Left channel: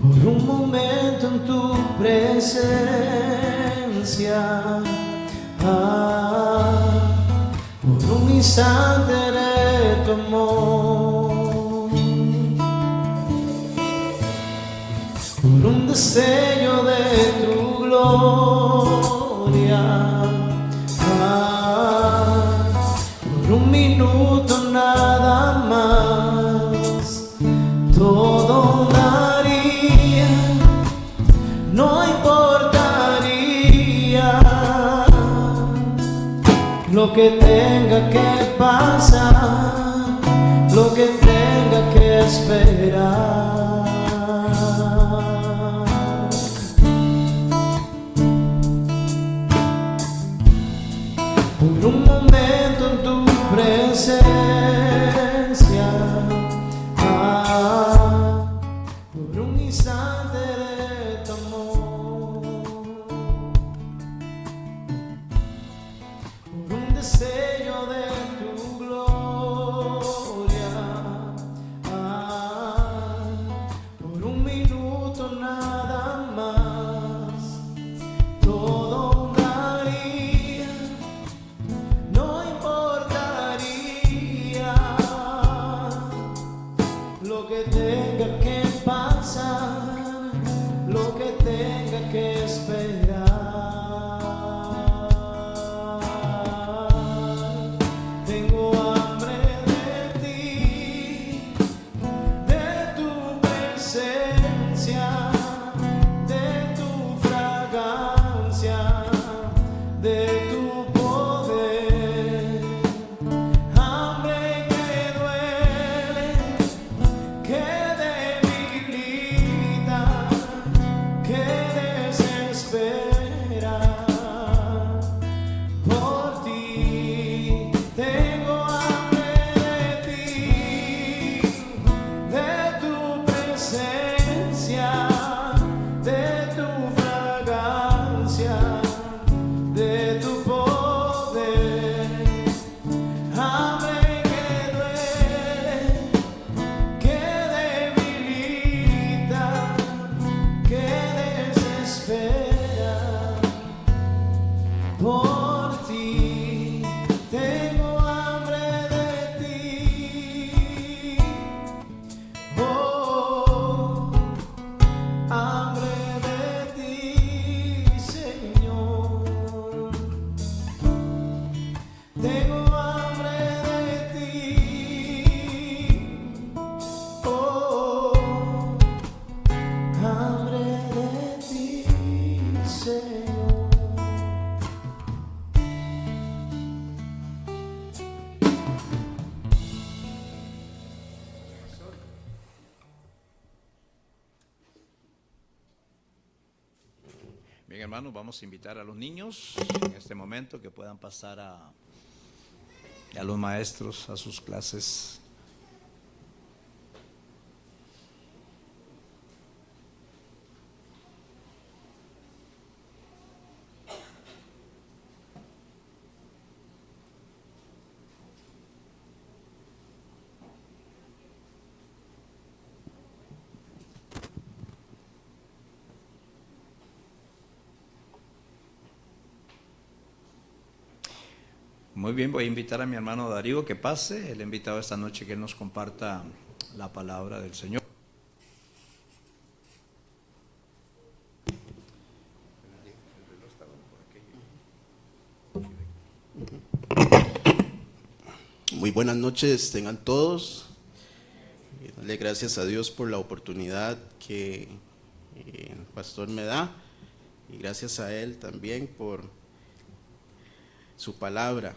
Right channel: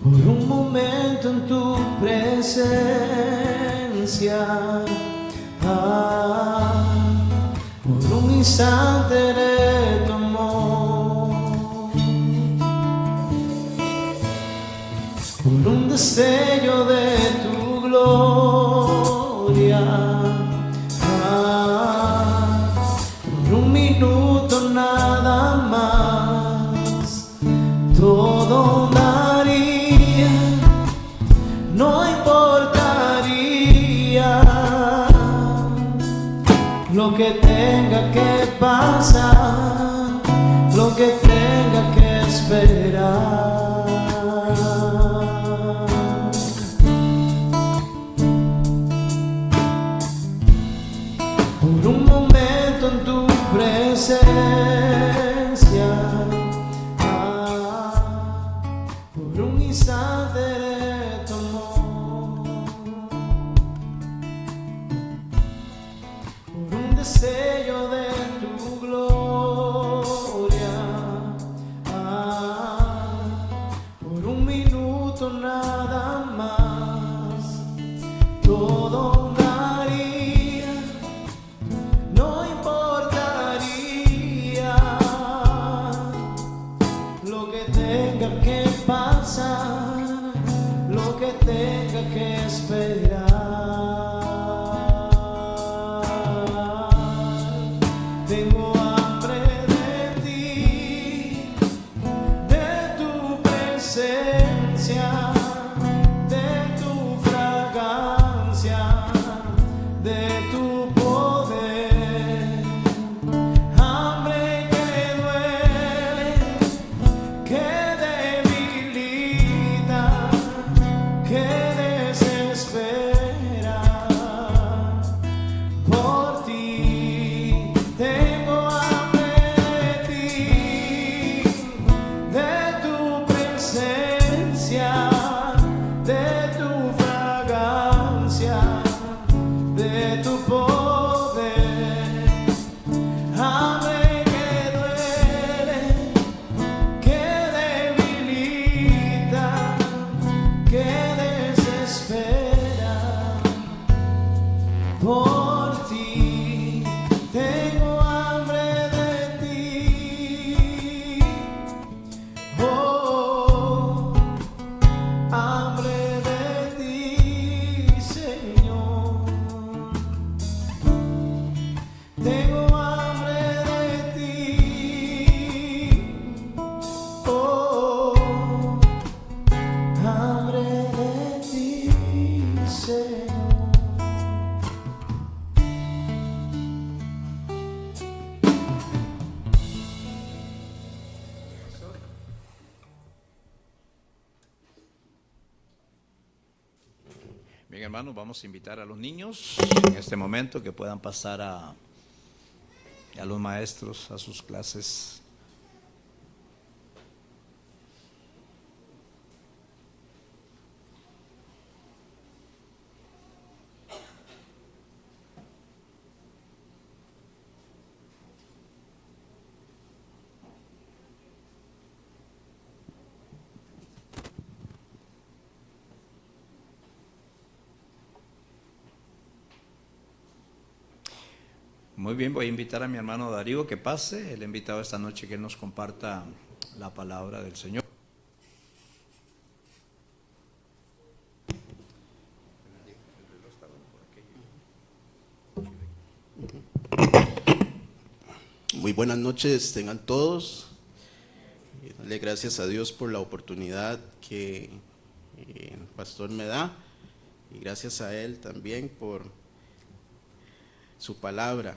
por un momento en tu presencia, por un instante de tu amor, por un destello de tu gloria, por un minuto nada más, todo daría, no importaría lo que tenga que pasar, lo que tenga que esperar. Por un momento en tu presencia, por un instante de tu amor, por un destello de tu gloria, por un minuto nada más, todo daría, no importaría lo que tenga que pasar, lo que tenga que esperar. Tengo hambre de ti, de tu presencia, de tu fragancia, de tu poder. Hambre que duele, que debilita, que desespera. Por ti tengo hambre de ti, de tu presencia, de tu fragancia, de tu poder. Hambre que duele, que debilita, que desespera. Por ti tengo hambre de ti, oh, hambre de ti, Señor. Tengo hambre de ti, oh, hambre de ti, Señor. Bien, hermanos, vamos a invitar a los niños en este momento que puedan pasar a los maestros a sus clases. Muy bien, voy a invitar a mi hermano Darío que pase. Él ha invitado esta noche que nos comparta la palabra del Señor. Muy buenas noches tengan todos. Darle gracias a Dios por la oportunidad que el pastor me da y gracias a él también por su palabra.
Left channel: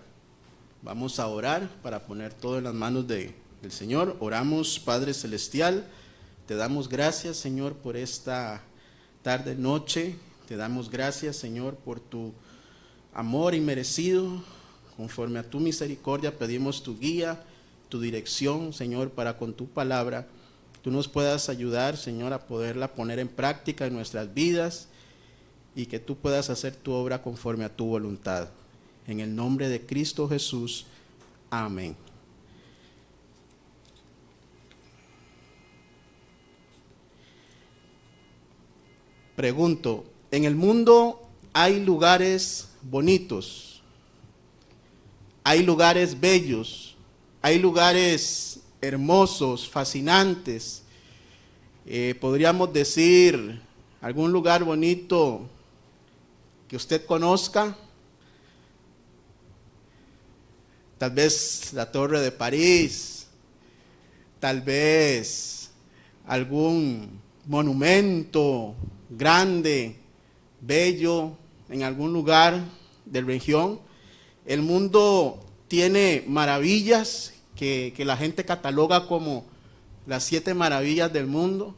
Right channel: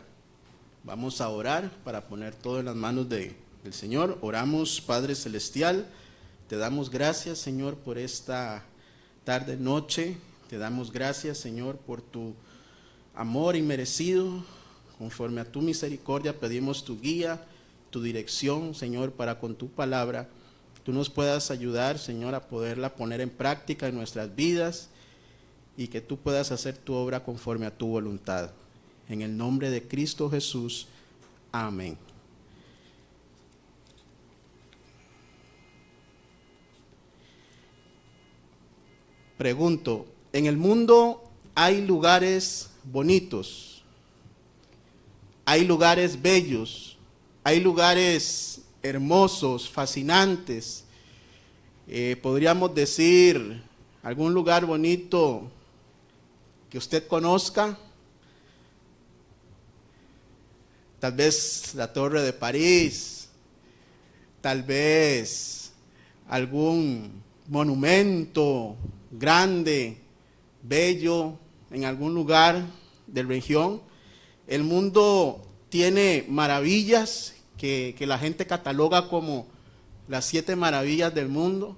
Vamos a orar para poner todo en las manos del Señor. Oramos, Padre Celestial, te damos gracias, Señor, por esta tarde, noche. Te damos gracias, Señor, por tu amor inmerecido. Conforme a tu misericordia pedimos tu guía, tu dirección, Señor, para con tu palabra tú nos puedas ayudar, Señor, a poderla poner en práctica en nuestras vidas y que tú puedas hacer tu obra conforme a tu voluntad. En el nombre de Cristo Jesús. Amén. pregunto, en el mundo hay lugares bonitos, hay lugares bellos, hay lugares hermosos, fascinantes. Podríamos decir algún lugar bonito que usted conozca. Tal vez la Torre de París, tal vez algún monumento grande, bello, en algún lugar de región. El mundo tiene maravillas que la gente cataloga como las 7 maravillas del mundo,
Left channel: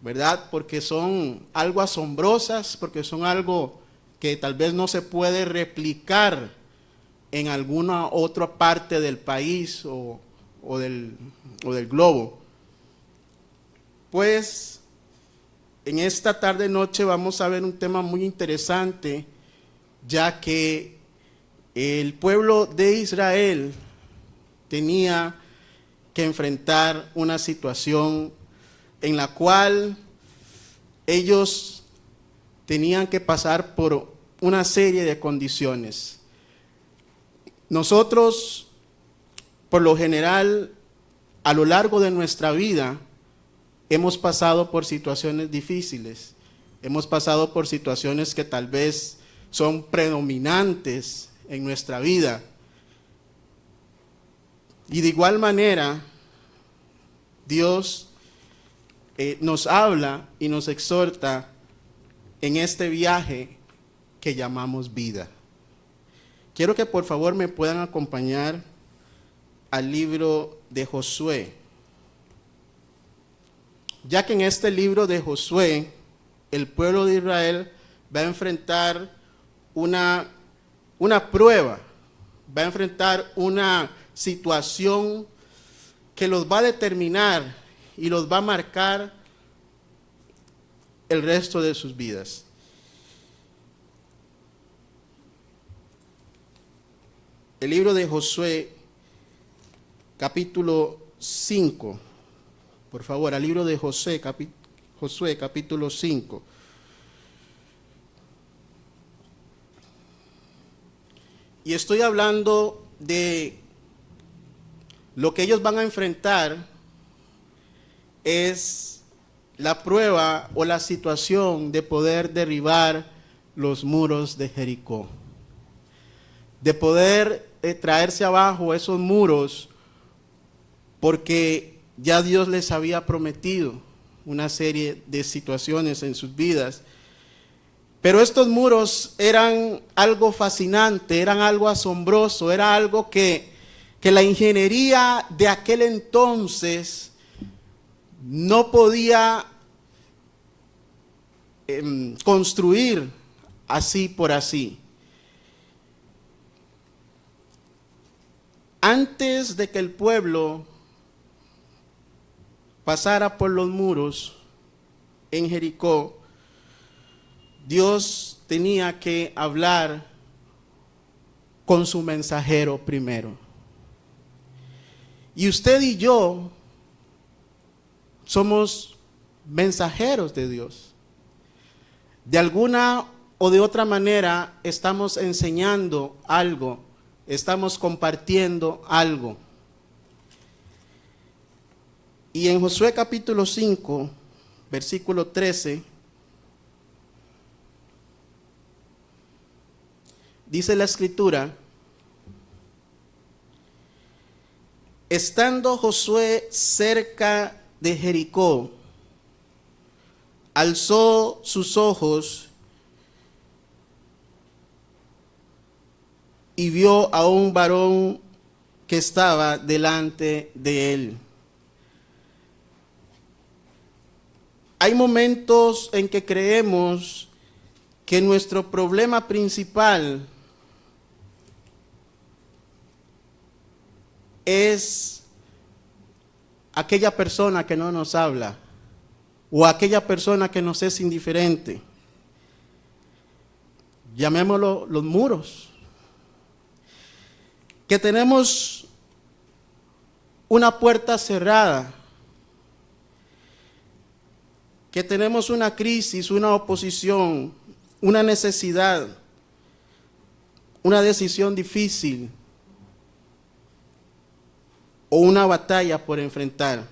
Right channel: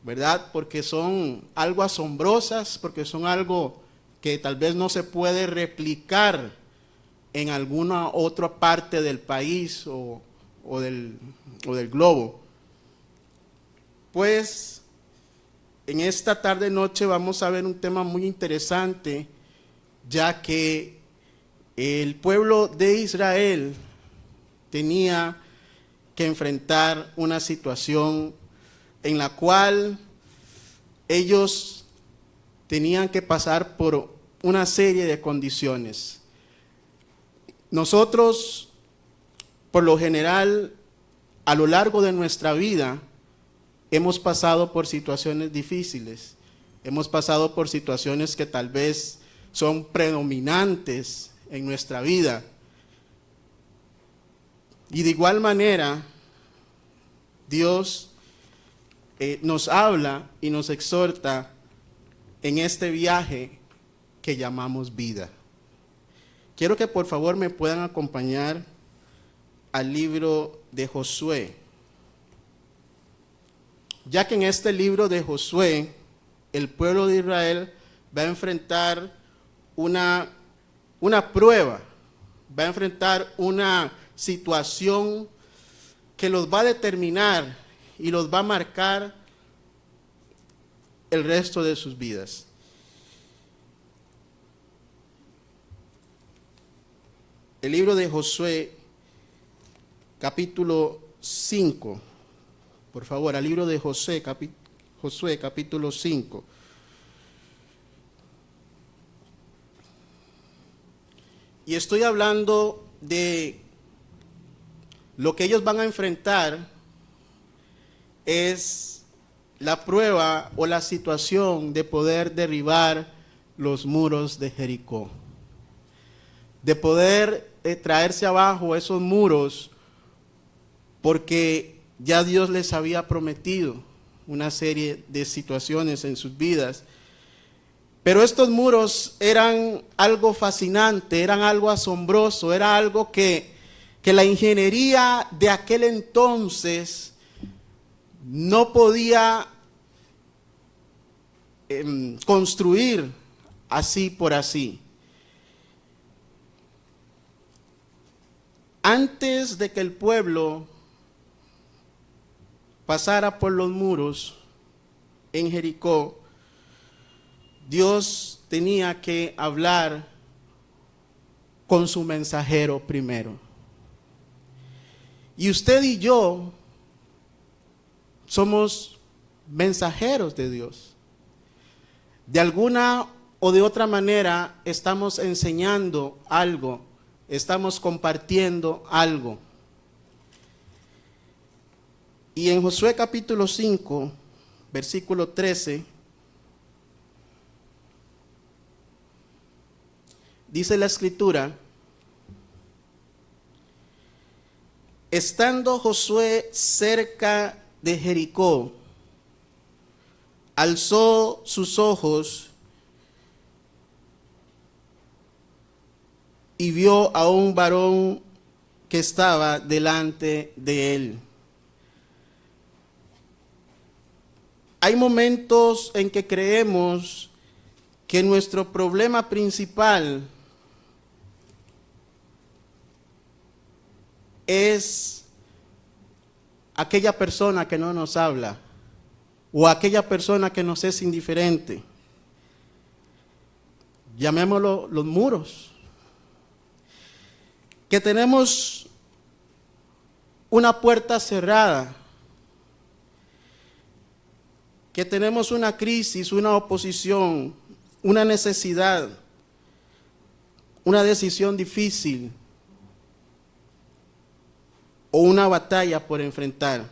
¿verdad? Porque son algo asombrosas, porque son algo que tal vez no se puede replicar en alguna otra parte del país o del globo. Pues en esta tarde noche vamos a ver un tema muy interesante, ya que el pueblo de Israel tenía que enfrentar una situación en la cual ellos tenían que pasar por una serie de condiciones. Nosotros, por lo general, a lo largo de nuestra vida, hemos pasado por situaciones difíciles, hemos pasado por situaciones que tal vez son predominantes en nuestra vida. Y de igual manera, Dios nos habla y nos exhorta en este viaje que llamamos vida. Quiero que por favor me puedan acompañar al libro de Josué, ya que en este libro de Josué el pueblo de Israel va a enfrentar una prueba, va a enfrentar una situación que los va a determinar y los va a marcar el resto de sus vidas. El libro de Josué, capítulo 5. Por favor, al libro de Josué, capítulo 5. Y estoy hablando de lo que ellos van a enfrentar, es la prueba o la situación de poder derribar los muros de Jericó, de poder traerse abajo esos muros, porque ya Dios les había prometido una serie de situaciones en sus vidas. Pero estos muros eran algo fascinante, eran algo asombroso, era algo que la ingeniería de aquel entonces no podía construir así por así. Antes de que el pueblo pasara por los muros en Jericó, Dios tenía que hablar con su mensajero primero. Y usted y yo somos mensajeros de Dios. De alguna o de otra manera estamos enseñando algo, estamos compartiendo algo. Y en Josué capítulo 5, versículo 13, dice la escritura: estando Josué cerca de Jericó, alzó sus ojos y vio a un varón que estaba delante de él. Hay momentos en que creemos que nuestro problema principal es aquella persona que no nos habla o aquella persona que nos es indiferente. Llamémoslo los muros. Que tenemos una puerta cerrada que tenemos una crisis, una oposición, una necesidad, una decisión difícil o una batalla por enfrentar.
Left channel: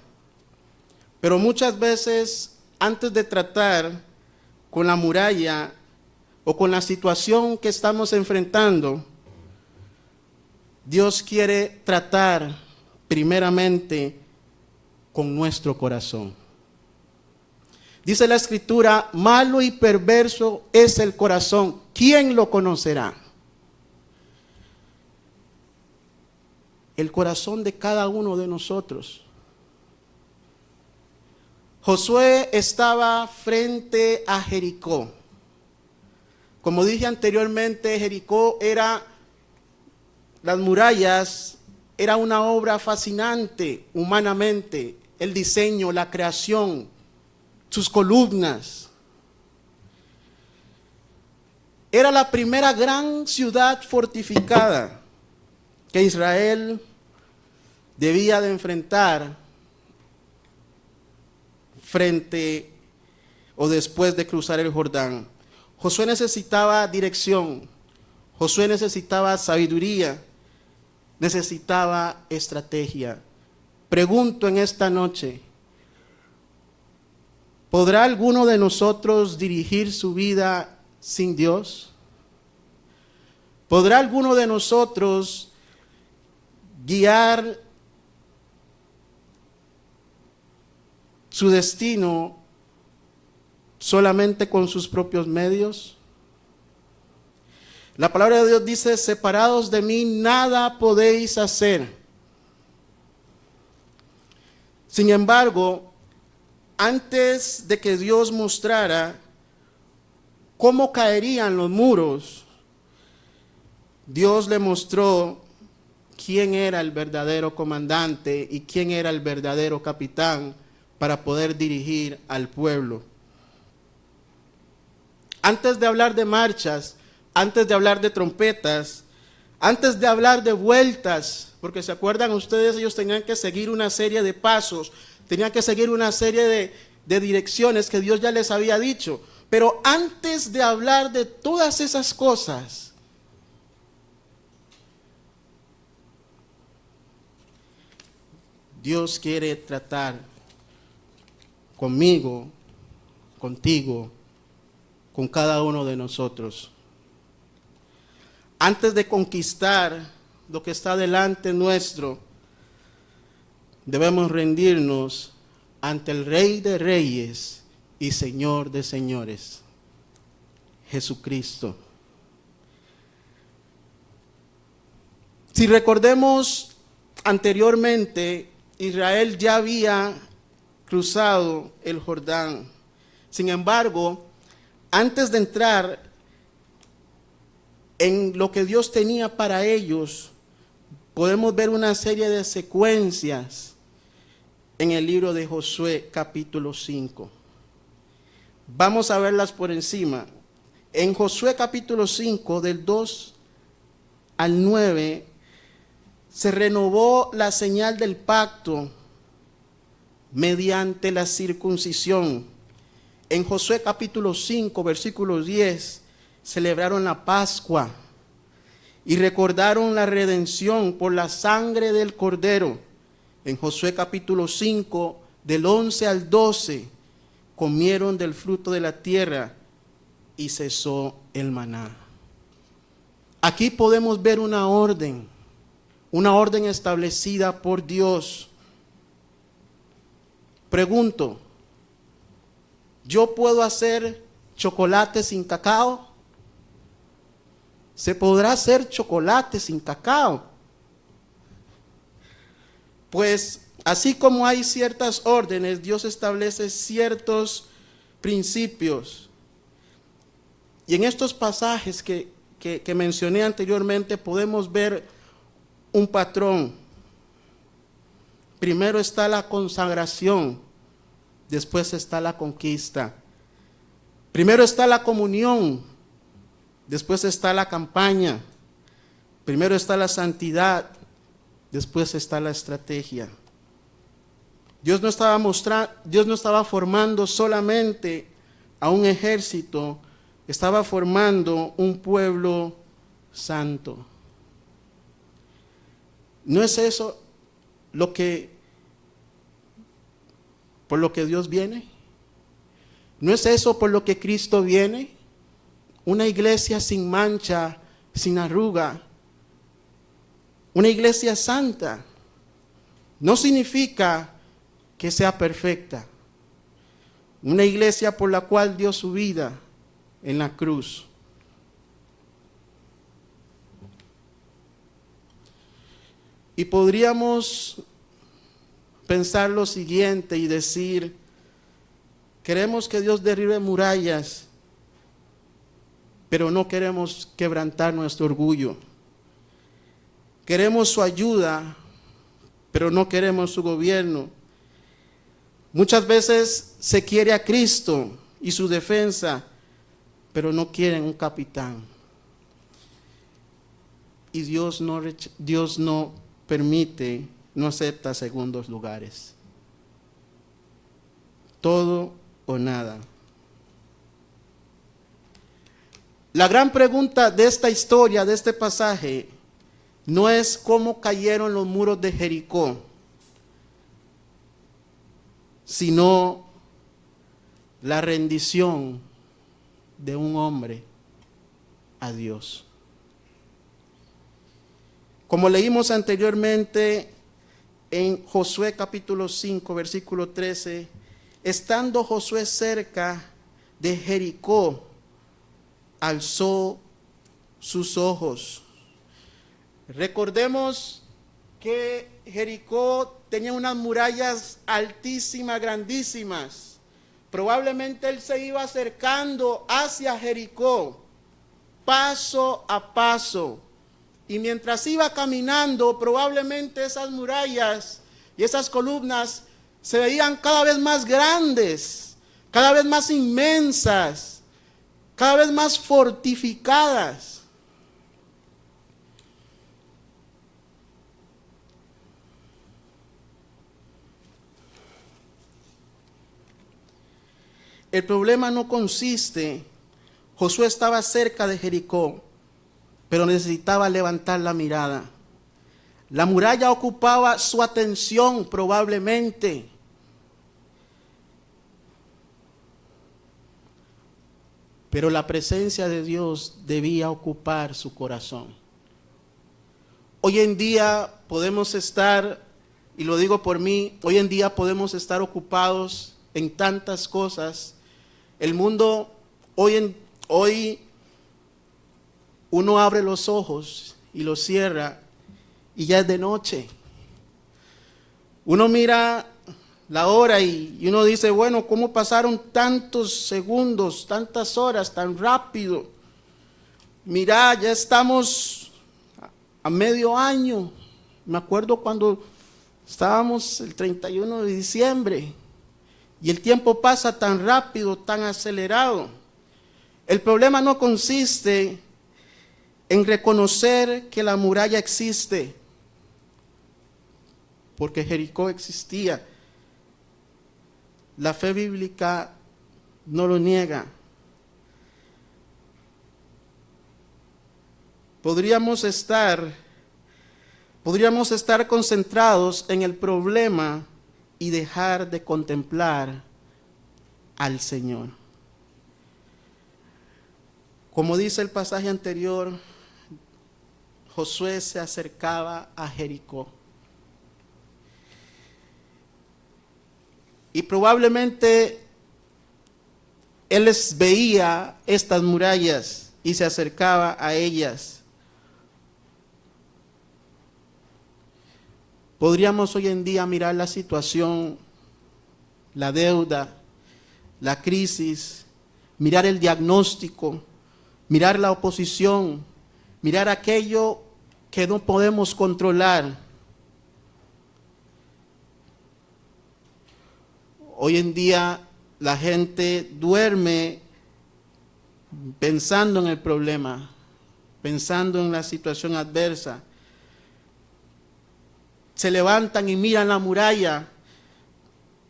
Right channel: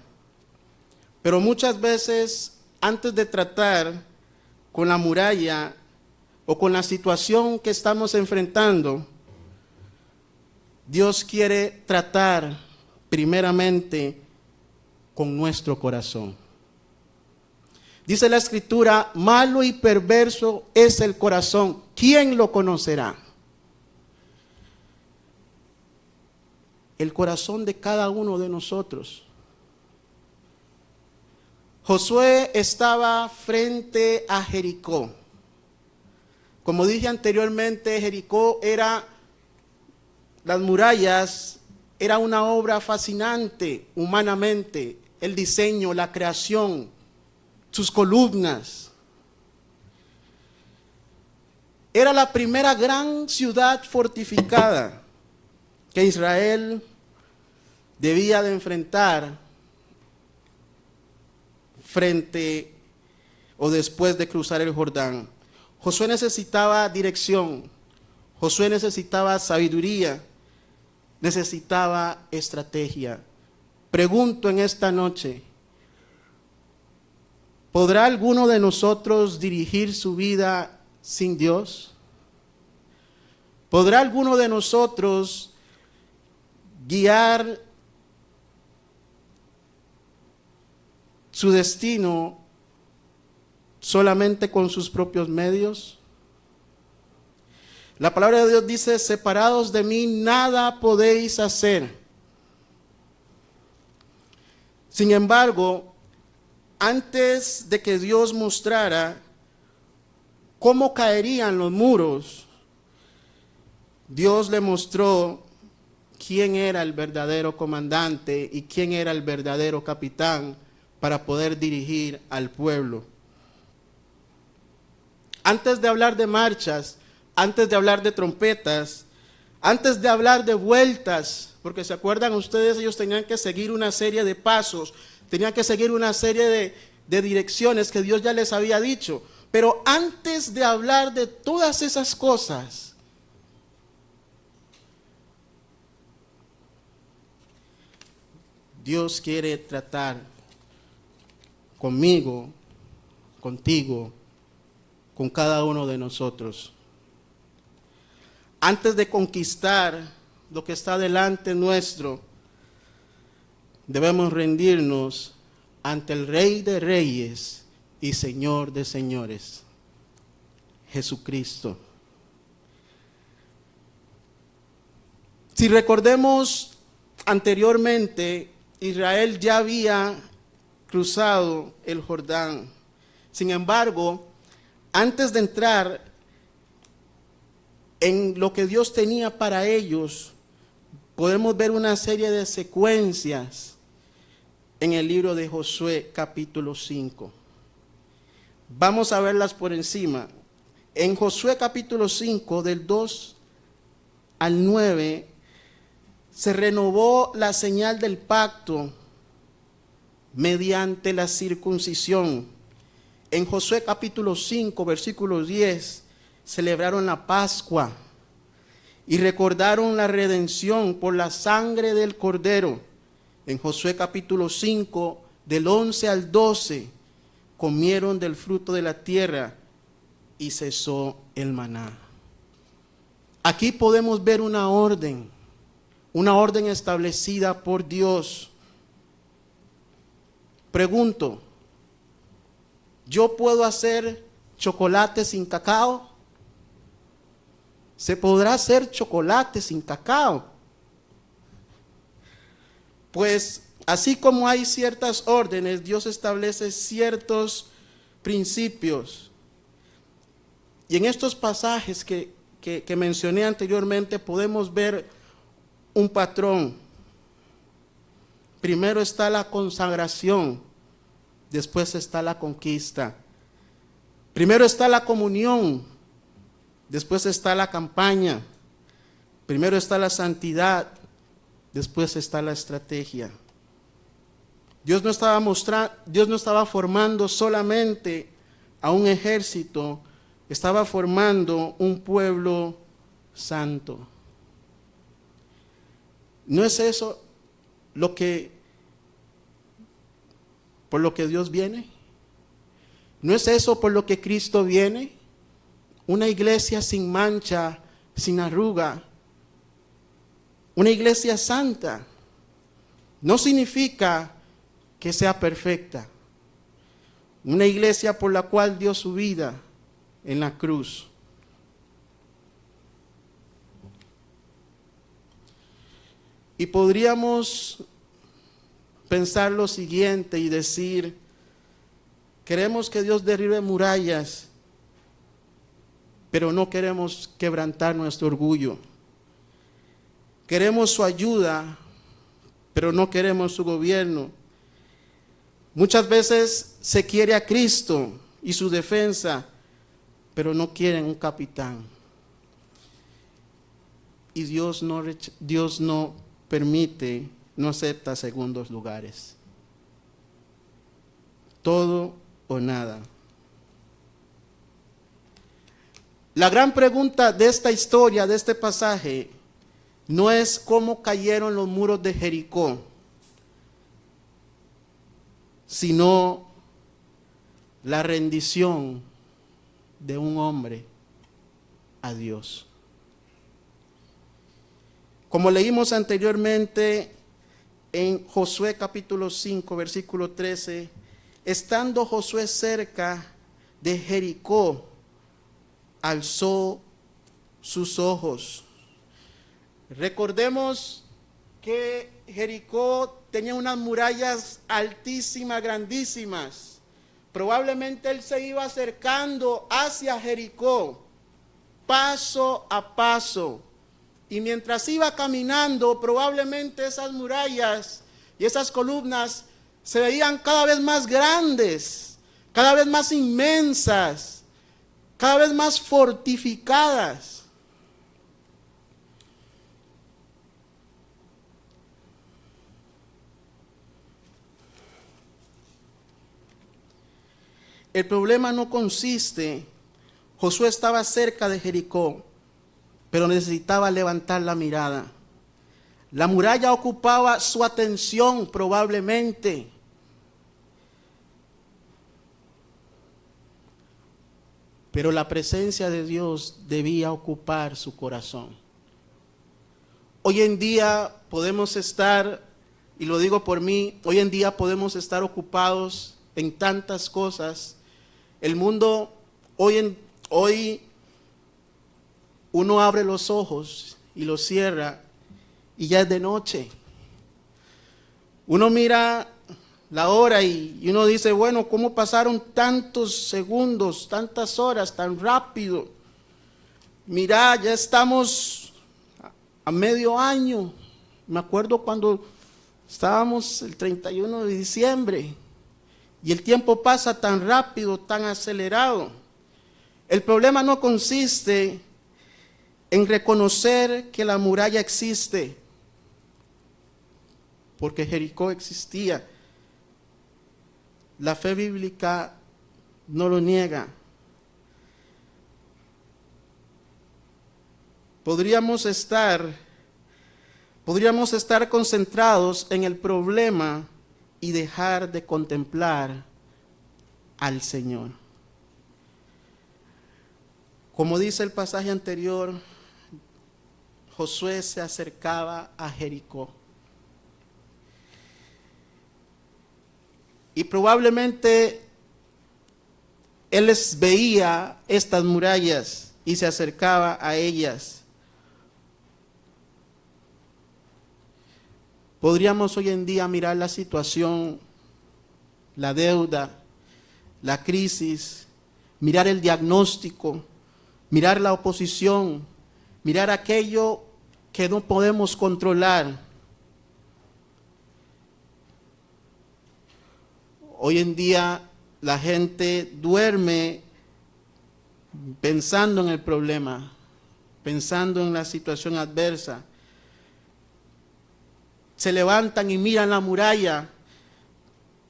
Pero muchas veces, antes de tratar con la muralla o con la situación que estamos enfrentando, Dios quiere tratar primeramente con nuestro corazón. Dice la Escritura, malo y perverso es el corazón. ¿Quién lo conocerá? El corazón de cada uno de nosotros. Josué estaba frente a Jericó. Como dije anteriormente, Jericó las murallas, era una obra fascinante humanamente. El diseño, la creación, sus columnas. Era la primera gran ciudad fortificada que Israel debía de enfrentar frente o después de cruzar el Jordán. Josué necesitaba dirección, Josué necesitaba sabiduría, necesitaba estrategia. Pregunto en esta noche, ¿podrá alguno de nosotros dirigir su vida sin Dios? ¿Podrá alguno de nosotros guiar su destino solamente con sus propios medios? La palabra de Dios dice, separados de mí nada podéis hacer. Sin embargo, antes de que Dios mostrara cómo caerían los muros, Dios le mostró quién era el verdadero comandante y quién era el verdadero capitán para poder dirigir al pueblo. Antes de hablar de marchas, antes de hablar de trompetas, antes de hablar de vueltas, porque se acuerdan ustedes, ellos tenían que seguir una serie de pasos, tenían que seguir una serie de direcciones que Dios ya les había dicho. Pero antes de hablar de todas esas cosas, Dios quiere tratar conmigo, contigo, con cada uno de nosotros. Antes de conquistar lo que está delante nuestro, debemos rendirnos ante el Rey de Reyes y Señor de Señores, Jesucristo. Si recordemos anteriormente, Israel ya había cruzado el Jordán. Sin embargo, antes de entrar en lo que Dios tenía para ellos, podemos ver una serie de secuencias en el libro de Josué capítulo 5. Vamos a verlas por encima. En Josué capítulo 5, del 2 al 9, se renovó la señal del pacto mediante la circuncisión. En Josué capítulo 5, versículo 10, celebraron la Pascua y recordaron la redención por la sangre del Cordero. En Josué capítulo 5, del 11 al 12, comieron del fruto de la tierra y cesó el maná. Aquí podemos ver una orden establecida por Dios. Pregunto, ¿yo puedo hacer chocolate sin cacao? ¿Se podrá hacer chocolate sin cacao? Pues así como hay ciertas órdenes, Dios establece ciertos principios. Y en estos pasajes que mencioné anteriormente podemos ver un patrón. Primero está la consagración, después está la conquista. Primero está la comunión, después está la campaña. Primero está la santidad, después está la estrategia. Dios no estaba formando solamente a un ejército, estaba formando un pueblo santo. ¿No es eso por lo que Dios viene? ¿No es eso por lo que Cristo viene? Una iglesia sin mancha, sin arruga. Una iglesia santa. No significa que sea perfecta. Una iglesia por la cual dio su vida en la cruz. Y podríamos pensar lo siguiente y decir, queremos que Dios derribe murallas, pero no queremos quebrantar nuestro orgullo. Queremos su ayuda, pero no queremos su gobierno. Muchas veces se quiere a Cristo y su defensa, pero no quieren un capitán. Y Dios no permite, no acepta segundos lugares. Todo o nada. La gran pregunta de esta historia, de este pasaje, no es cómo cayeron los muros de Jericó, sino la rendición de un hombre a Dios. Como leímos anteriormente en Josué capítulo 5, versículo 13, estando Josué cerca de Jericó, alzó sus ojos. Recordemos que Jericó tenía unas murallas altísimas, grandísimas. Probablemente él se iba acercando hacia Jericó, paso a paso. Y mientras iba caminando, probablemente esas murallas y esas columnas se veían cada vez más grandes, cada vez más inmensas, cada vez más fortificadas. El problema no consiste, Josué estaba cerca de Jericó, pero necesitaba levantar la mirada. La muralla ocupaba su atención probablemente. Pero la presencia de Dios debía ocupar su corazón. Hoy en día podemos estar, y lo digo por mí, hoy en día podemos estar ocupados en tantas cosas. El mundo, hoy uno abre los ojos y los cierra y ya es de noche. Uno mira la hora y uno dice, bueno, ¿cómo pasaron tantos segundos, tantas horas, tan rápido? Mira, ya estamos a medio año. Me acuerdo cuando estábamos el 31 de diciembre. Y el tiempo pasa tan rápido, tan acelerado. El problema no consiste en reconocer que la muralla existe, porque Jericó existía. La fe bíblica no lo niega. Podríamos estar concentrados en el problema y dejar de contemplar al Señor. Como dice el pasaje anterior, Josué se acercaba a Jericó. Y probablemente él veía estas murallas y se acercaba a ellas. Podríamos hoy en día mirar la situación, la deuda, la crisis, mirar el diagnóstico, mirar la oposición, mirar aquello que no podemos controlar. Hoy en día la gente duerme pensando en el problema, pensando en la situación adversa. Se levantan y miran la muralla,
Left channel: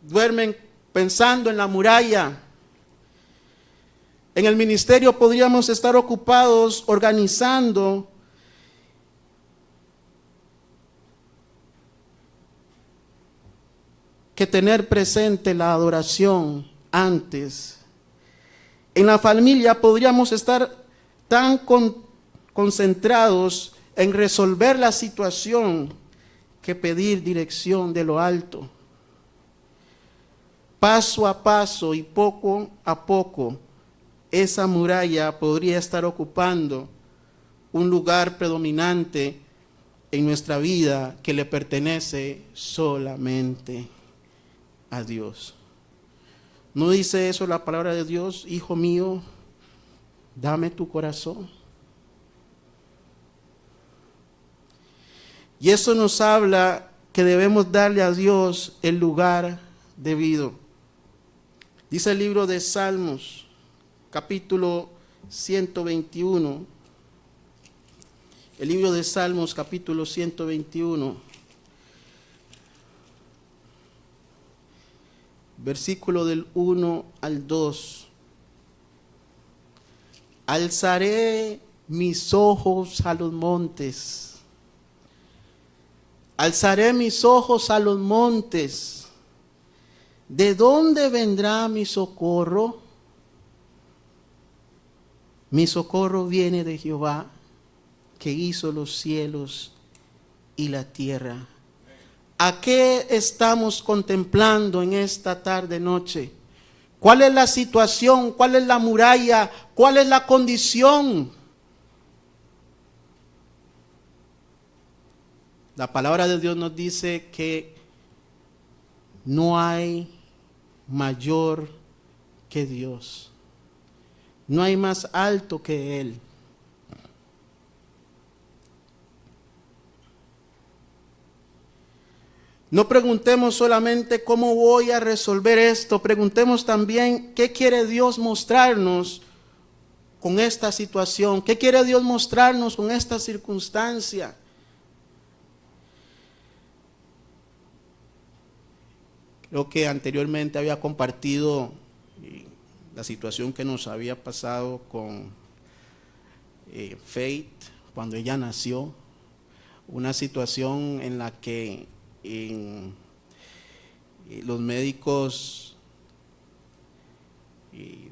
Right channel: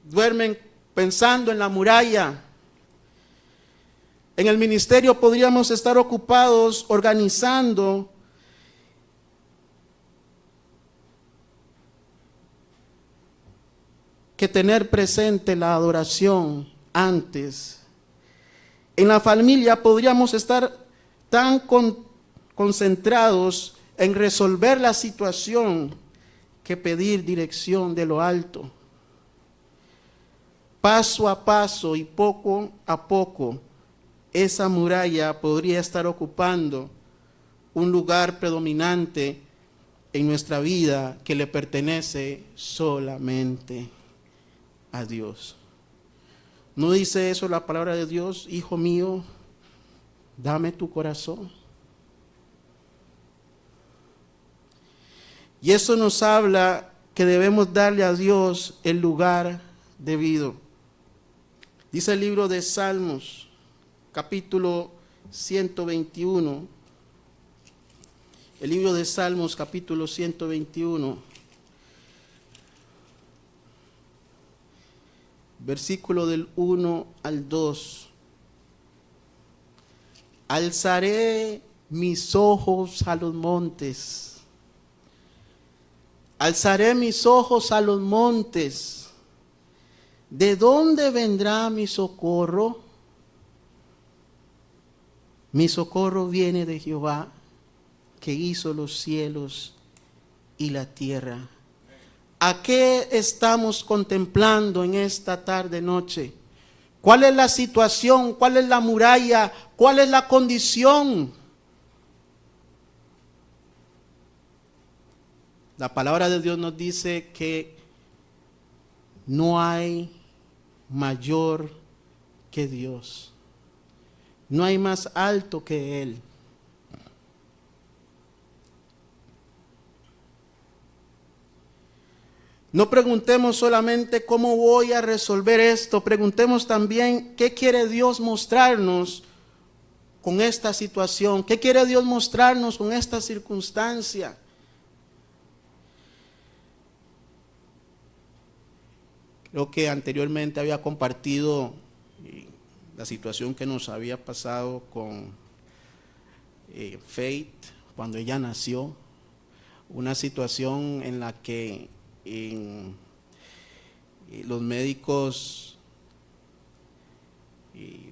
duermen pensando en la muralla. En el ministerio podríamos estar ocupados organizando que tener presente la adoración antes. En la familia podríamos estar tan concentrados en resolver la situación que pedir dirección de lo alto. Paso a paso y poco a poco, esa muralla podría estar ocupando un lugar predominante en nuestra vida que le pertenece solamente a Dios. ¿No dice eso la palabra de Dios? Hijo mío, dame tu corazón. Y eso nos habla que debemos darle a Dios el lugar debido. Dice el libro de Salmos, capítulo 121. El libro de Salmos, capítulo 121. Versículo del 1 al 2. Alzaré mis ojos a los montes. Alzaré mis ojos a los montes. ¿De dónde vendrá mi socorro? Mi socorro viene de Jehová, que hizo los cielos y la tierra. ¿A qué estamos contemplando en esta tarde noche? ¿Cuál es la situación? ¿Cuál es la muralla? ¿Cuál es la condición? La palabra de Dios nos dice que no hay mayor que Dios. No hay más alto que Él. No preguntemos solamente cómo voy a resolver esto, preguntemos también qué quiere Dios mostrarnos con esta situación, qué quiere Dios mostrarnos con esta circunstancia. Creo que anteriormente había compartido la situación que nos había pasado con Faith cuando ella nació, una situación en la que los médicos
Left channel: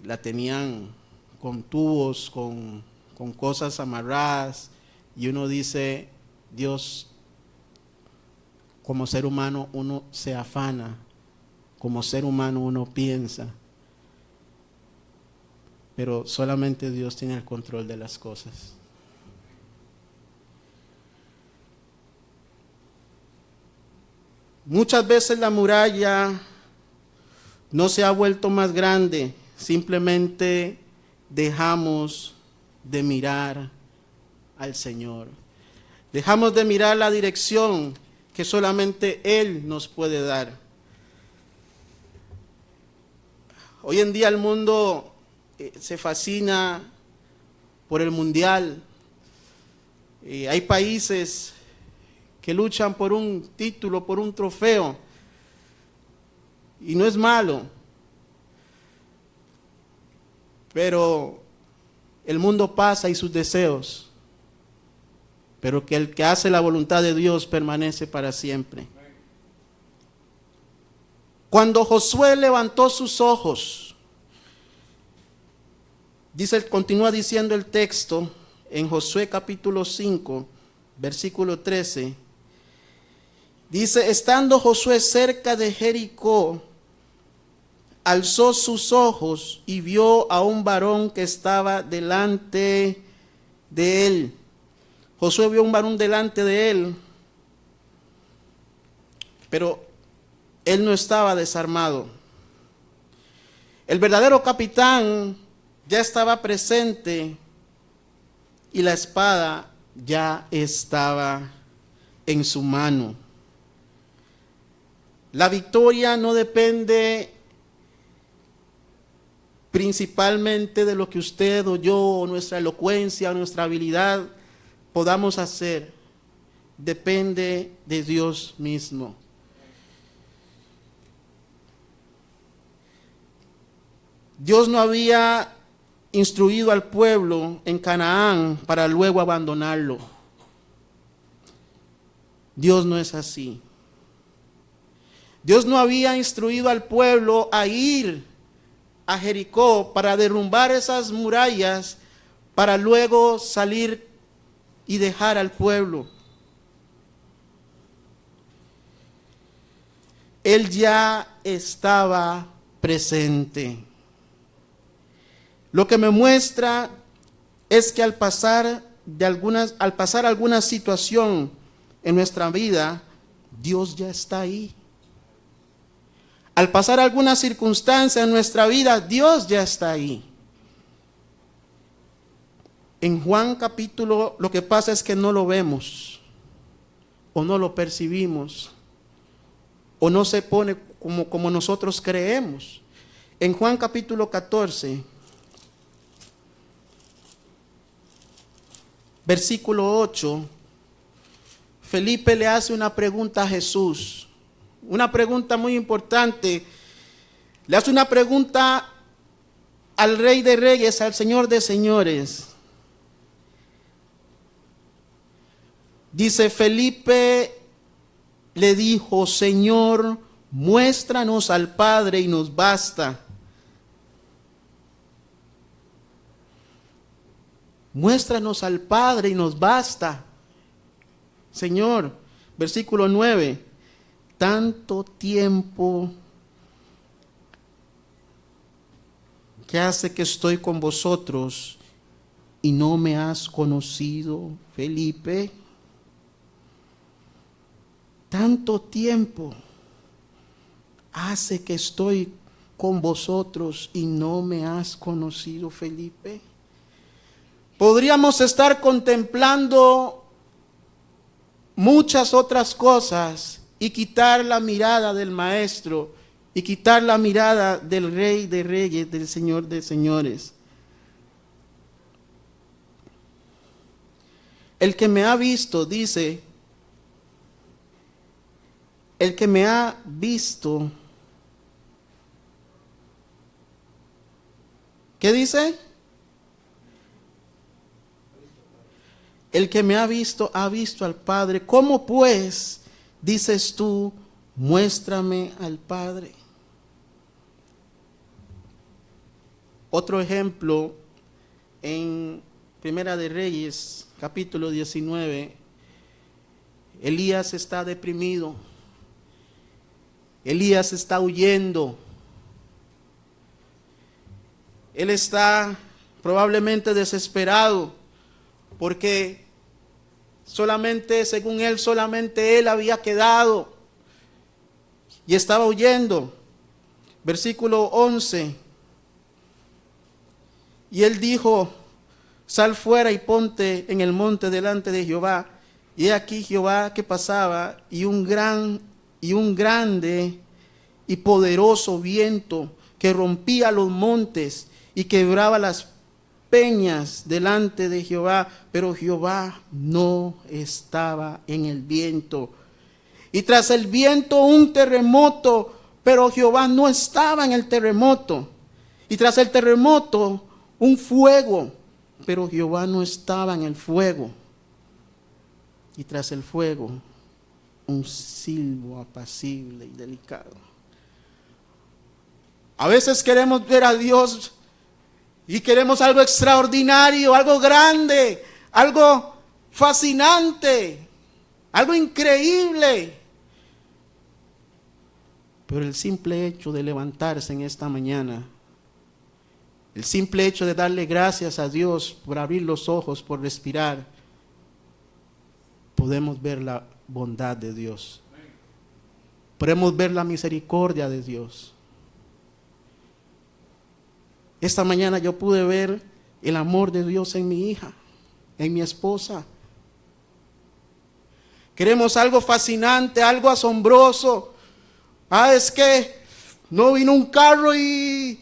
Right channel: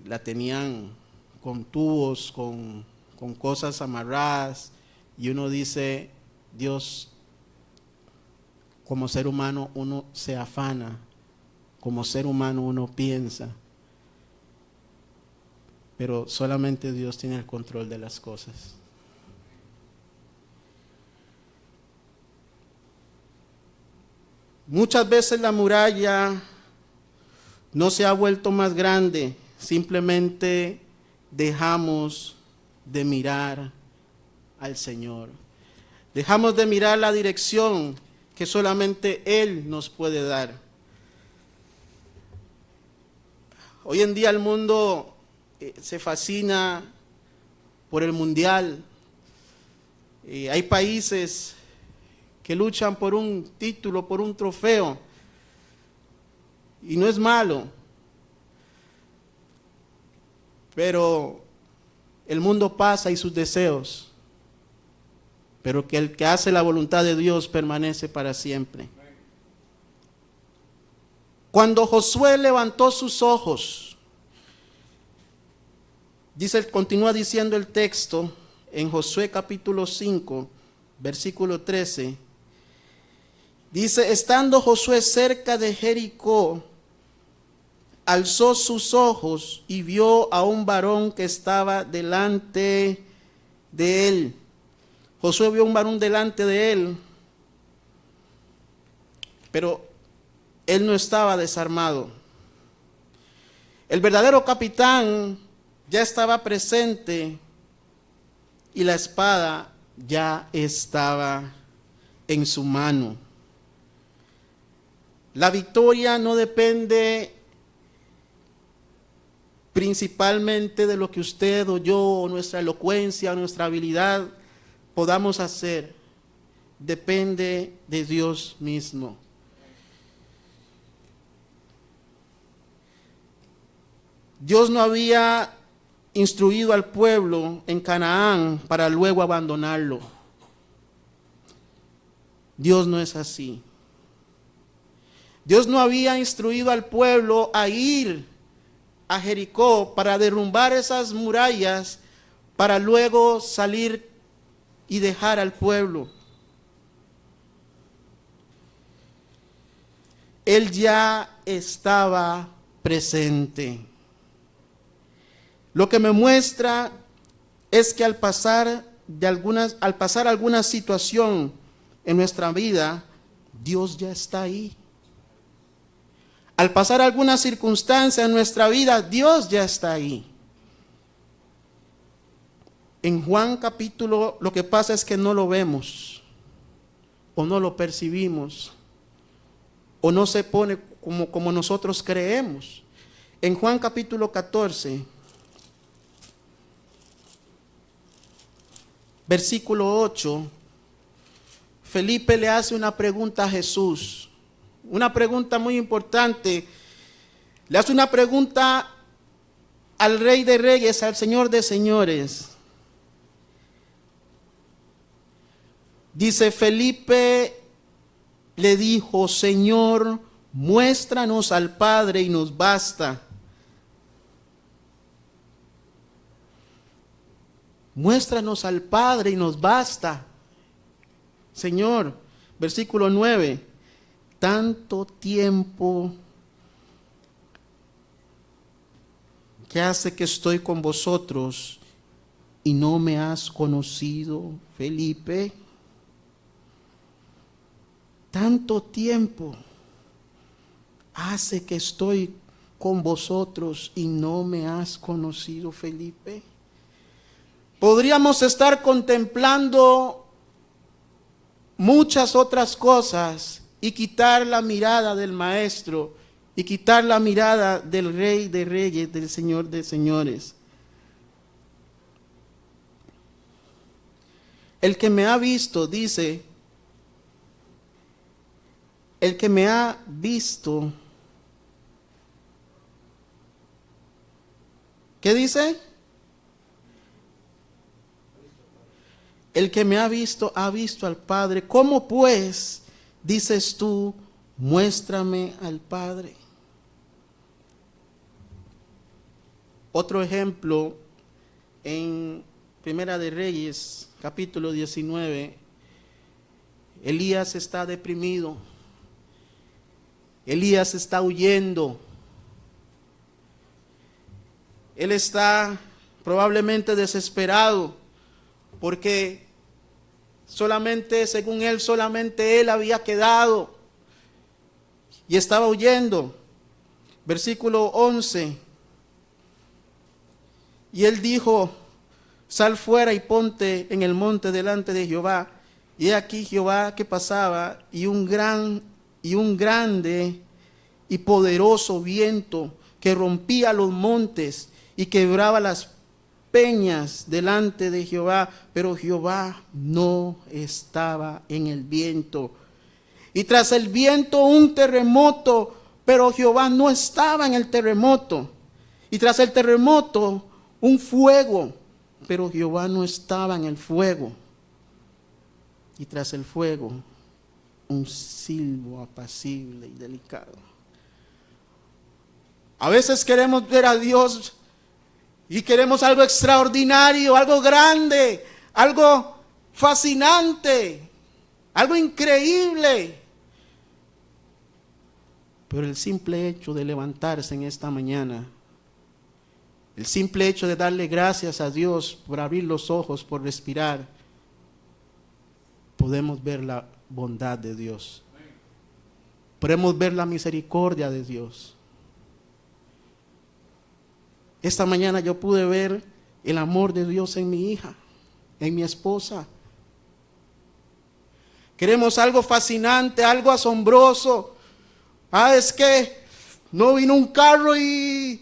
la tenían con tubos, con cosas amarradas, y uno dice, Dios, como ser humano uno se afana, como ser humano uno piensa, pero solamente Dios tiene el control de las cosas. Muchas veces la muralla no se ha vuelto más grande, simplemente dejamos de mirar al Señor. Dejamos de mirar la dirección que solamente Él nos puede dar. Hoy en día el mundo se fascina por el mundial. Hay países que luchan por un título, por un trofeo. Y no es malo. Pero el mundo pasa y sus deseos. Pero que el que hace la voluntad de Dios permanece para siempre. Cuando Josué levantó sus ojos, continúa diciendo el texto en Josué capítulo 5, versículo 13. Dice, estando Josué cerca de Jericó, alzó sus ojos y vio a un varón que estaba delante de él. Josué vio a un varón delante de él, pero él no estaba desarmado. El verdadero capitán ya estaba presente y la espada ya estaba en su mano. La victoria no depende principalmente de lo que usted o yo, o nuestra elocuencia, o nuestra habilidad podamos hacer. Depende de Dios mismo. Dios no había instruido al pueblo en Canaán para luego abandonarlo. Dios no es así. Dios no había instruido al pueblo a ir a Jericó para derrumbar esas murallas para luego salir y dejar al pueblo. Él ya estaba presente. Lo que me muestra es que al pasar alguna situación en nuestra vida, Dios ya está ahí. Al pasar alguna circunstancia en nuestra vida, Dios ya está ahí. En Juan capítulo, lo que pasa es que no lo vemos, o no lo percibimos, o no se pone como nosotros creemos. En Juan capítulo 14, versículo 8, Felipe le hace una pregunta a Jesús. Una pregunta muy importante. Le hace una pregunta al Rey de Reyes, al Señor de Señores. Dice, Felipe le dijo, Señor, muéstranos al Padre y nos basta. Muéstranos al Padre y nos basta. Señor, versículo 9. Tanto tiempo que hace que estoy con vosotros y no me has conocido, Felipe. Tanto tiempo hace que estoy con vosotros y no me has conocido, Felipe. Podríamos estar contemplando muchas otras cosas y quitar la mirada del Maestro y quitar la mirada del Rey de Reyes, del Señor de Señores. El que me ha visto, dice, el que me ha visto, ¿qué dice? El que me ha visto al Padre. ¿Cómo pues dices tú, muéstrame al Padre? Otro ejemplo en Primera de Reyes, capítulo 19. Elías está deprimido. Elías está huyendo. Él está probablemente desesperado porque según él, solamente él había quedado y estaba huyendo. Versículo 11. Y él dijo, sal fuera y ponte en el monte delante de Jehová. Y he aquí Jehová que pasaba y un grande y poderoso viento que rompía los montes y quebraba las peñas delante de Jehová, pero Jehová no estaba en el viento. Y tras el viento un terremoto, pero Jehová no estaba en el terremoto. Y tras el terremoto un fuego, pero Jehová no estaba en el fuego. Y tras el fuego un silbo apacible y delicado. A veces queremos ver a Dios y queremos algo extraordinario, algo grande, algo fascinante, algo increíble. Pero el simple hecho de levantarse en esta mañana, el simple hecho de darle gracias a Dios por abrir los ojos, por respirar, podemos ver la bondad de Dios. Podemos ver la misericordia de Dios. Esta mañana yo pude ver el amor de Dios en mi hija, en mi esposa. Queremos algo fascinante, algo asombroso. Es que no vino un carro y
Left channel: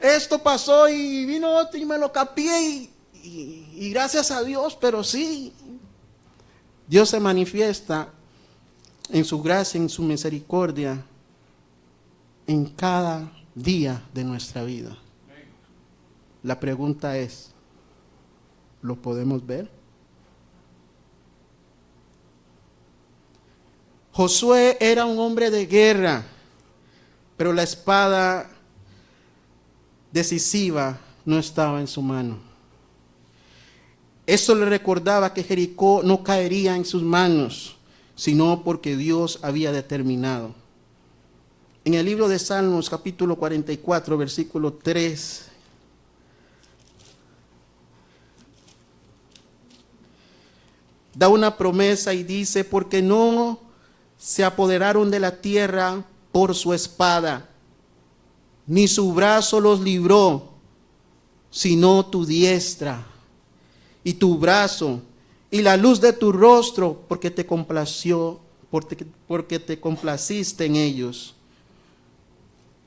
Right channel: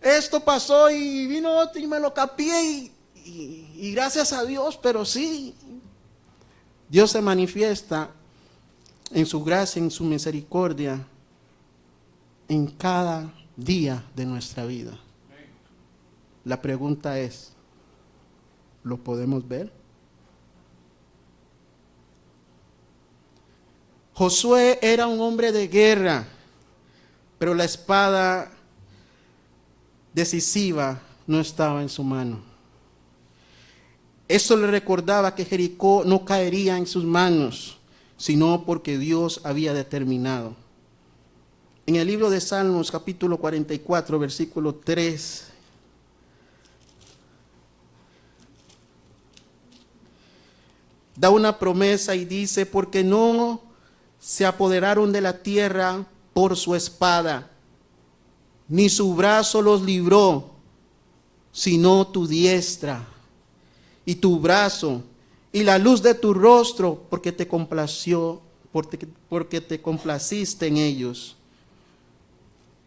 esto pasó y vino otro y me lo capié y gracias a Dios, pero sí. Dios se manifiesta en su gracia, en su misericordia, en cada día de nuestra vida. La pregunta es, ¿lo podemos ver? Josué era un hombre de guerra, pero la espada decisiva no estaba en su mano. Esto le recordaba que Jericó no caería en sus manos, sino porque Dios había determinado. En el libro de Salmos, capítulo 44, versículo 3, da una promesa y dice, porque no se apoderaron de la tierra por su espada, ni su brazo los libró, sino tu diestra y tu brazo y la luz de tu rostro, porque te complació, porque te complaciste en ellos.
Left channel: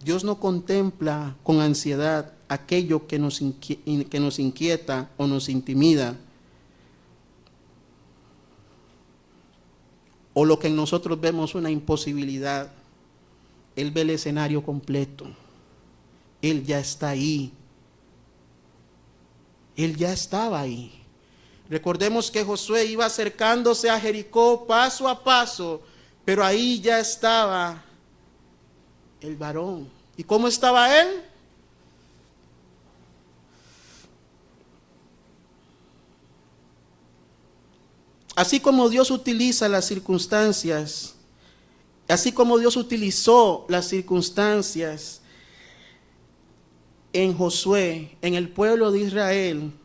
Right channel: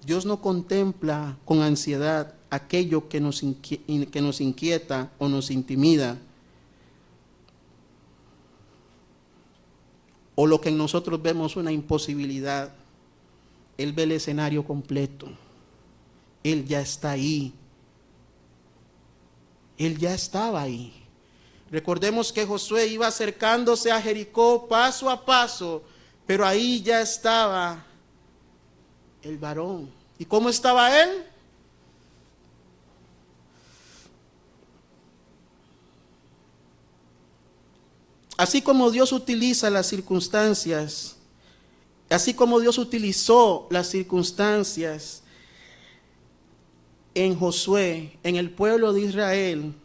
Dios no contempla con ansiedad aquello que nos inquieta o nos intimida, o lo que en nosotros vemos una imposibilidad. Él ve el escenario completo. Él ya está ahí. Él ya estaba ahí. Recordemos que Josué iba acercándose a Jericó paso a paso, pero ahí ya estaba el varón. ¿Y cómo estaba él? Así como Dios utiliza las circunstancias, así como Dios utilizó las circunstancias en Josué, en el pueblo de Israel,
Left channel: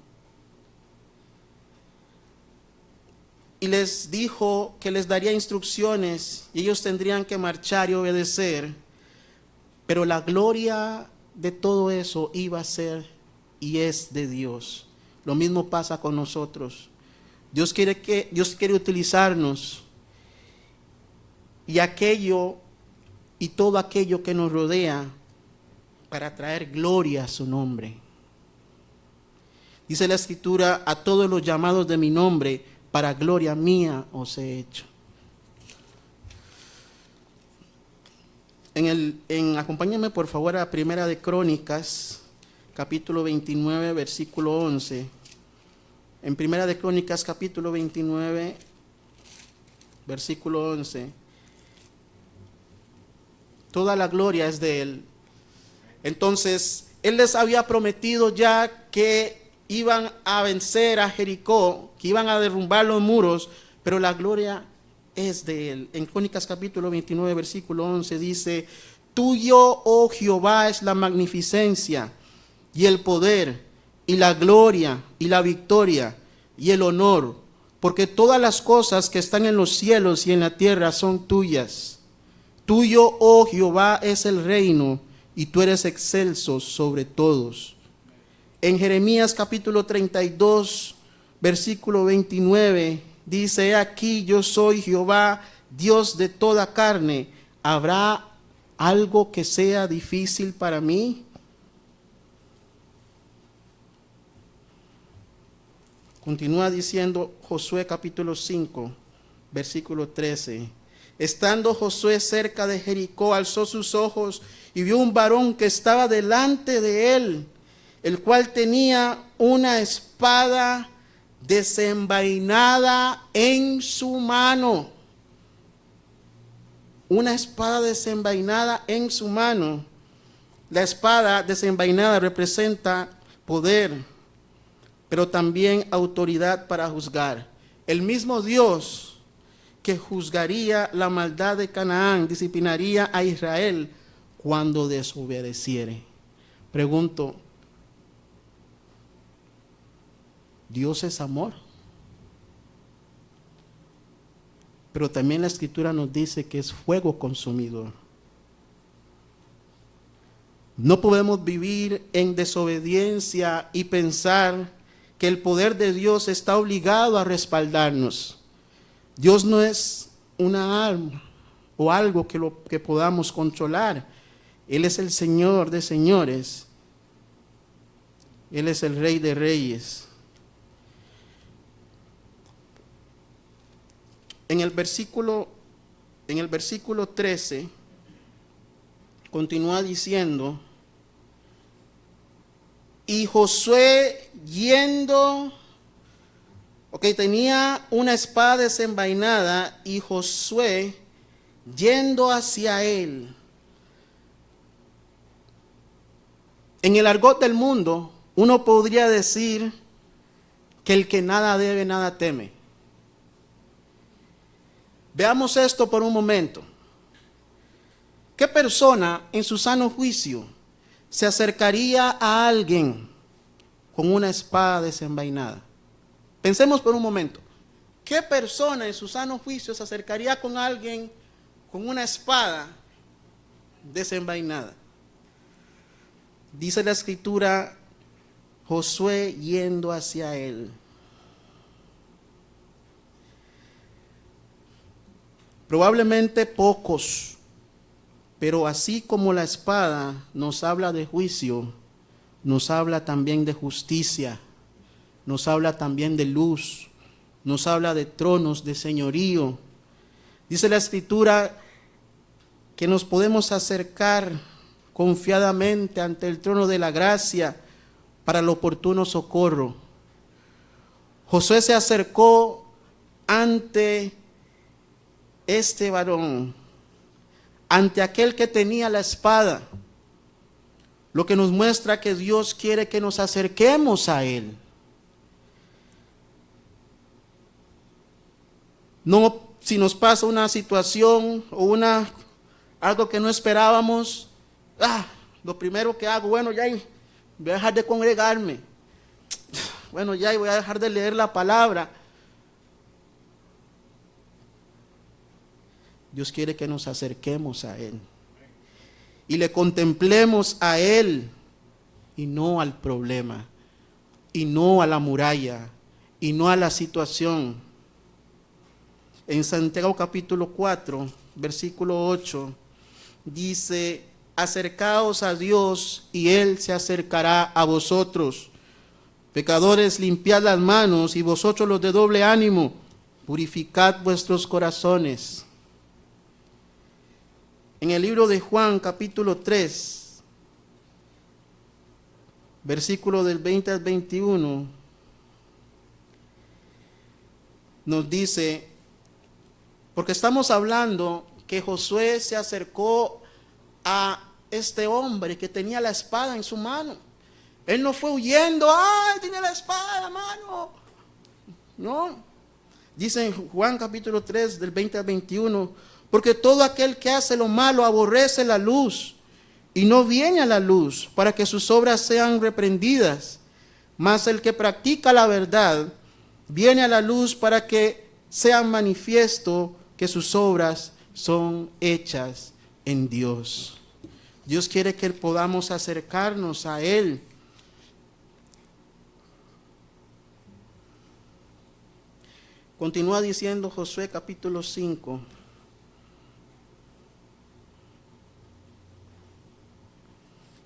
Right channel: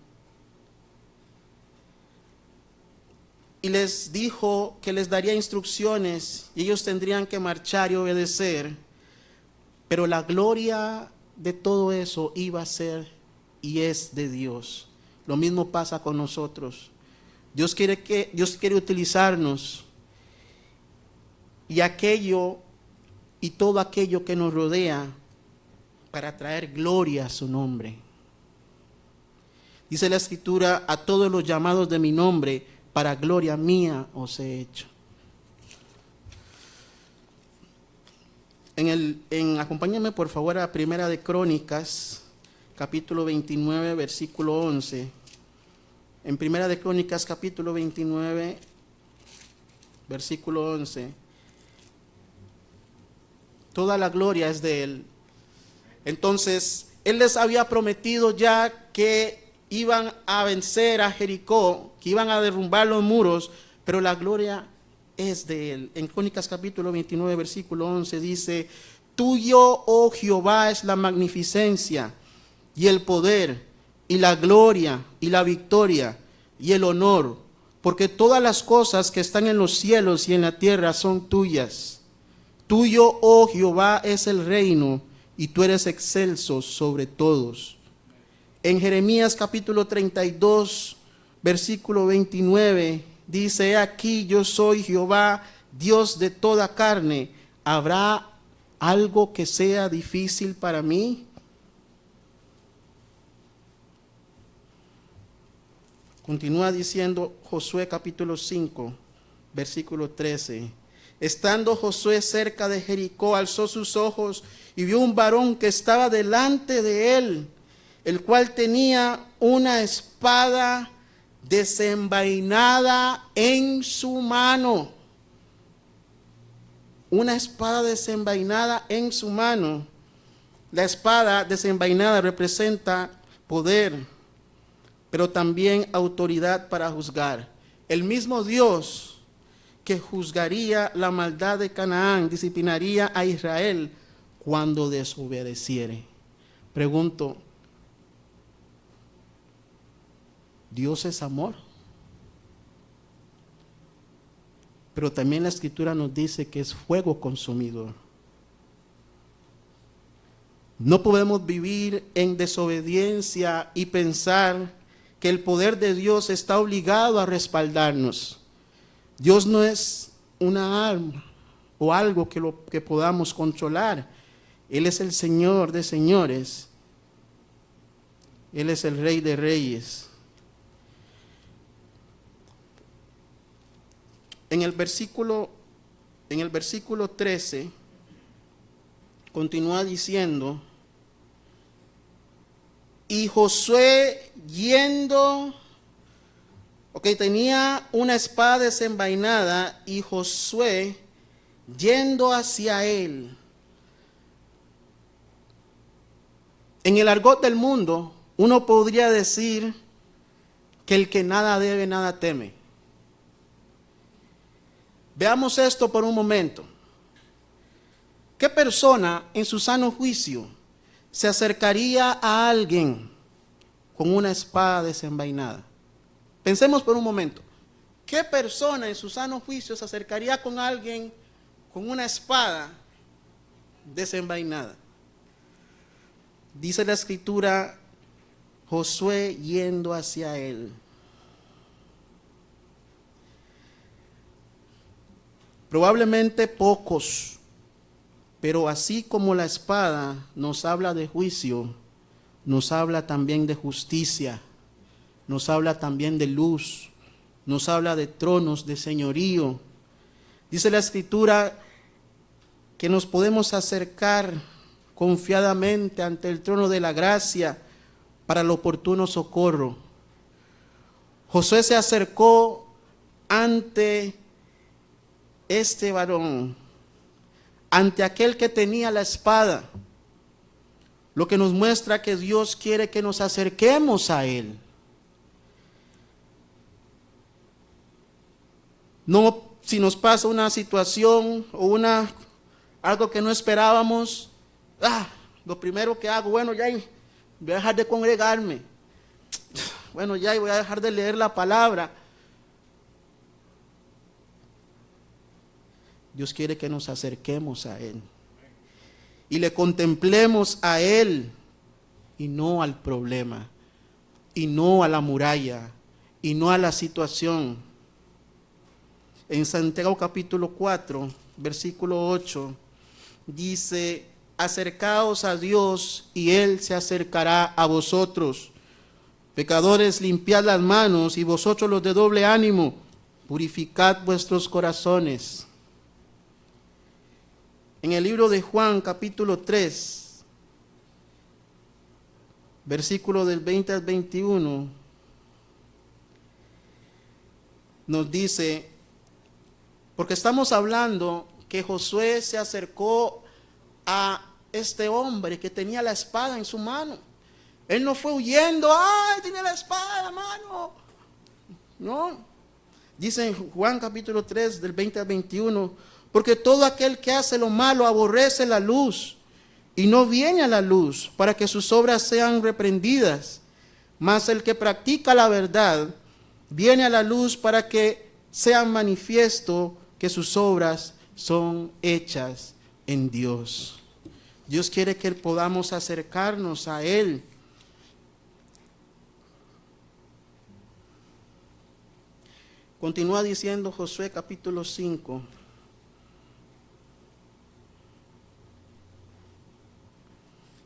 y les dijo que les daría instrucciones y ellos tendrían que marchar y obedecer, pero la gloria de todo eso iba a ser y es de Dios. Lo mismo pasa con nosotros. Dios quiere utilizarnos y todo aquello que nos rodea para traer gloria a su nombre. Dice la Escritura, a todos los llamados de mi nombre, para gloria mía os he hecho. Acompáñame por favor a Primera de Crónicas, capítulo 29, versículo 11. En Primera de Crónicas, capítulo 29, versículo 11. Toda la gloria es de Él. Entonces, Él les había prometido ya que iban a vencer a Jericó, que iban a derrumbar los muros, pero la gloria es de Él. En Crónicas capítulo 29, versículo 11 dice, tuyo, oh Jehová, es la magnificencia y el poder y la gloria y la victoria y el honor, porque todas las cosas que están en los cielos y en la tierra son tuyas. Tuyo, oh Jehová, es el reino y tú eres excelso sobre todos. En Jeremías capítulo 32, versículo 29, dice, he aquí yo soy Jehová, Dios de toda carne. ¿Habrá algo que sea difícil para mí? Continúa diciendo Josué capítulo 5, versículo 13. Estando Josué cerca de Jericó, alzó sus ojos y vio un varón que estaba delante de él, el cual tenía una espada desenvainada en su mano. Una espada desenvainada en su mano. La espada desenvainada representa poder, pero también autoridad para juzgar. El mismo Dios que juzgaría la maldad de Canaán, disciplinaría a Israel cuando desobedeciere. Pregunto, ¿Dios es amor? Pero también la Escritura nos dice que es fuego consumidor. No podemos vivir en desobediencia y pensar que el poder de Dios está obligado a respaldarnos. Dios no es una arma o algo que podamos controlar. Él es el Señor de señores. Él es el Rey de reyes. En el versículo 13, continúa diciendo, Y Josué yendo, tenía una espada desenvainada y Josué yendo hacia él. En el argot del mundo, uno podría decir que el que nada debe, nada teme. Veamos esto por un momento. ¿Qué persona en su sano juicio se acercaría a alguien con una espada desenvainada? Pensemos por un momento. ¿Qué persona en su sano juicio se acercaría con alguien con una espada desenvainada? Dice la escritura, Josué yendo hacia él. Probablemente pocos, pero así como la espada nos habla de juicio, nos habla también de justicia, nos habla también de luz, nos habla de tronos, de señorío. Dice la escritura que nos podemos acercar confiadamente ante el trono de la gracia para el oportuno socorro. Josué se acercó ante este varón, ante aquel que tenía la espada, lo que nos muestra que Dios quiere que nos acerquemos a él. No si nos pasa una situación o algo que no esperábamos, lo primero que hago, voy a dejar de congregarme, voy a dejar de leer la palabra. Dios quiere que nos acerquemos a Él y le contemplemos a Él y no al problema, y no a la muralla, y no a la situación. En Santiago capítulo 4, versículo 8, dice: acercaos a Dios y Él se acercará a vosotros. Pecadores, limpiad las manos, y vosotros los de doble ánimo, purificad vuestros corazones. En el libro de Juan capítulo 3, versículo del 20 al 21, nos dice, porque estamos hablando que Josué se acercó a este hombre que tenía la espada en su mano. Él no fue huyendo, tiene la espada en la mano. No. Dice en Juan capítulo 3, del 20 al 21, porque todo aquel que hace lo malo aborrece la luz y no viene a la luz para que sus obras sean reprendidas. Mas el que practica la verdad viene a la luz para que sea manifiesto que sus obras son hechas en Dios. Dios quiere que podamos acercarnos a Él. Continúa diciendo Josué capítulo 5.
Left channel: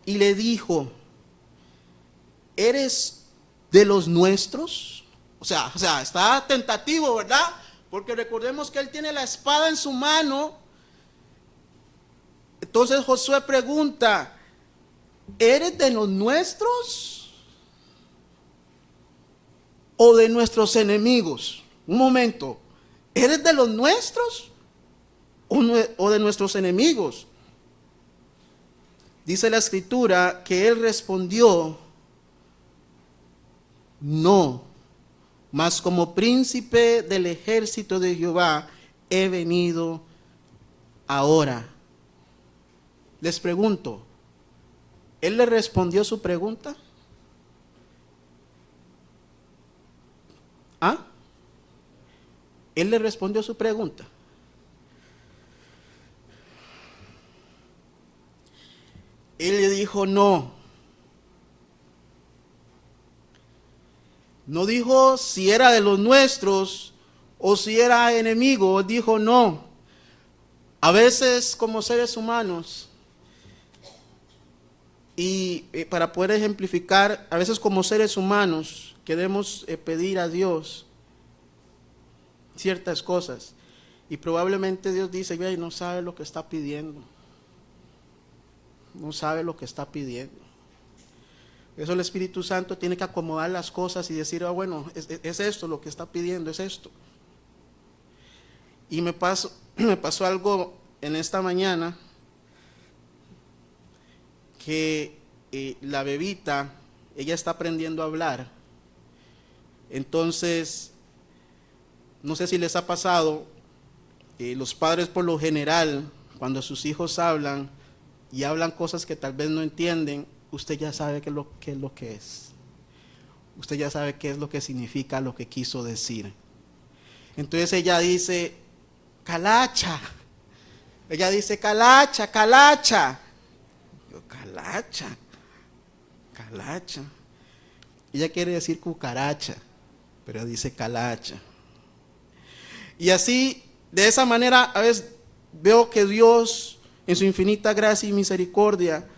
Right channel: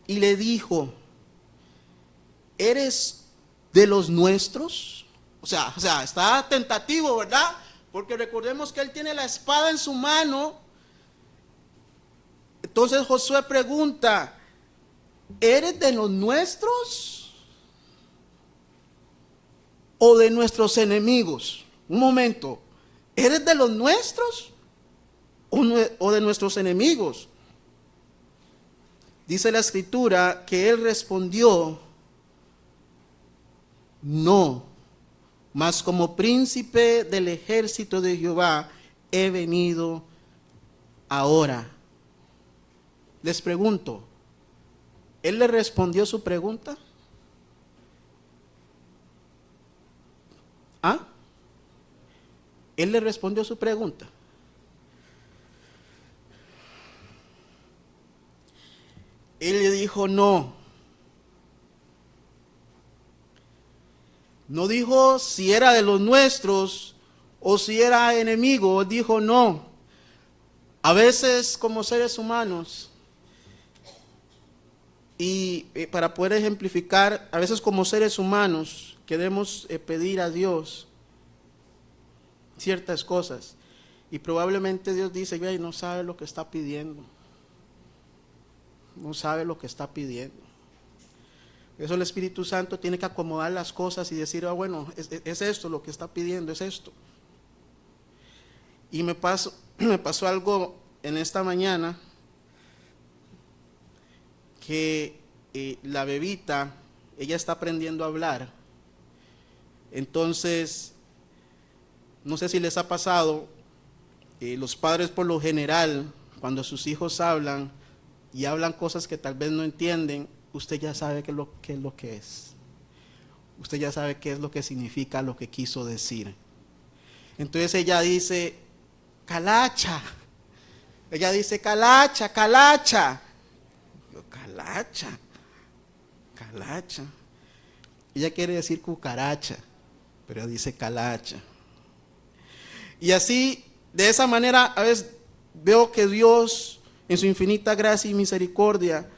Y le dijo, ¿eres de los nuestros? O sea, está tentativo, ¿verdad? Porque recordemos que él tiene la espada en su mano. Entonces Josué pregunta, ¿eres de los nuestros o de nuestros enemigos? Un momento, ¿eres de los nuestros o de nuestros enemigos? Dice la escritura que él respondió, no, mas como príncipe del ejército de Jehová he venido ahora. Les pregunto, ¿él le respondió su pregunta? ¿Él le respondió su pregunta? Él le dijo no. No dijo si era de los nuestros o si era enemigo. Dijo no. A veces como seres humanos, y para poder ejemplificar, a veces como seres humanos queremos pedir a Dios ciertas cosas. Y probablemente Dios dice, no sabe lo que está pidiendo. No sabe lo que está pidiendo. Eso el Espíritu Santo tiene que acomodar las cosas y decir, bueno, es esto lo que está pidiendo, es esto. Y me pasó algo en esta mañana, que la bebita, ella está aprendiendo a hablar. Entonces, no sé si les ha pasado, los padres por lo general, cuando sus hijos hablan y hablan cosas que tal vez no entienden, usted ya sabe qué es lo que es. Usted ya sabe qué es lo que significa lo que quiso decir. Entonces ella dice, calacha. Ella dice, calacha, calacha. Yo, calacha, calacha. Ella quiere decir cucaracha, pero dice calacha. Y así, de esa manera, a veces veo que Dios, en su infinita gracia y misericordia,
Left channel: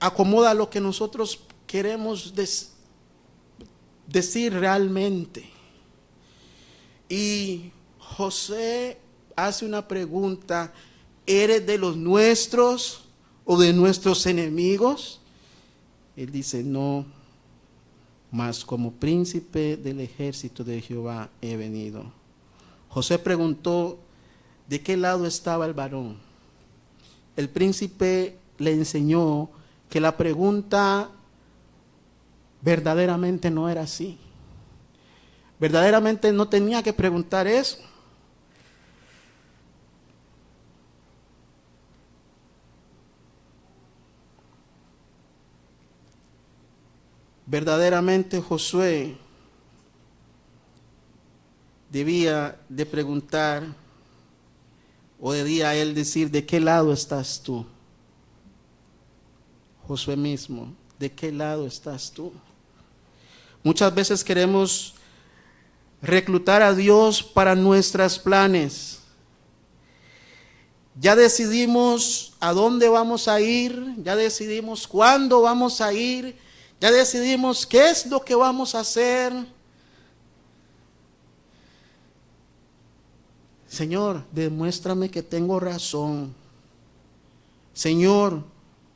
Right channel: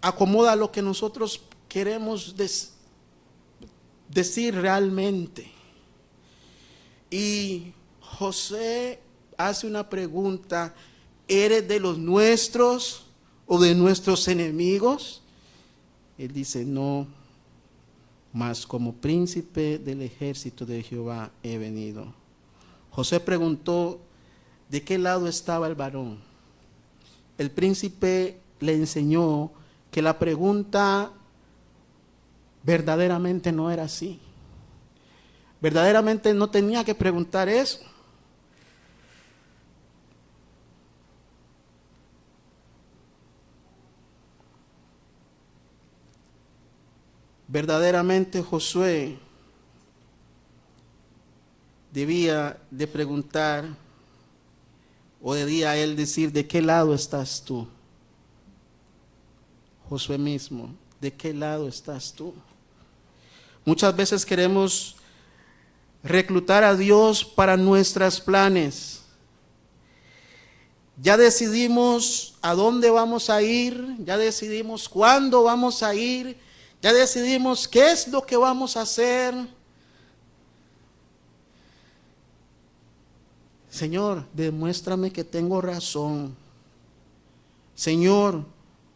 acomoda lo que nosotros queremos decir realmente. Y José hace una pregunta: ¿eres de los nuestros o de nuestros enemigos? Él dice, no, mas como príncipe del ejército de Jehová he venido. José preguntó, ¿de qué lado estaba el varón? El príncipe le enseñó que la pregunta verdaderamente no era así. Verdaderamente no tenía que preguntar eso. Verdaderamente Josué debía de preguntar, o debía él decir, ¿de qué lado estás tú? Josué mismo, ¿de qué lado estás tú? Muchas veces queremos reclutar a Dios para nuestros planes. Ya decidimos a dónde vamos a ir, ya decidimos cuándo vamos a ir, ya decidimos qué es lo que vamos a hacer. Señor, demuéstrame que tengo razón. Señor,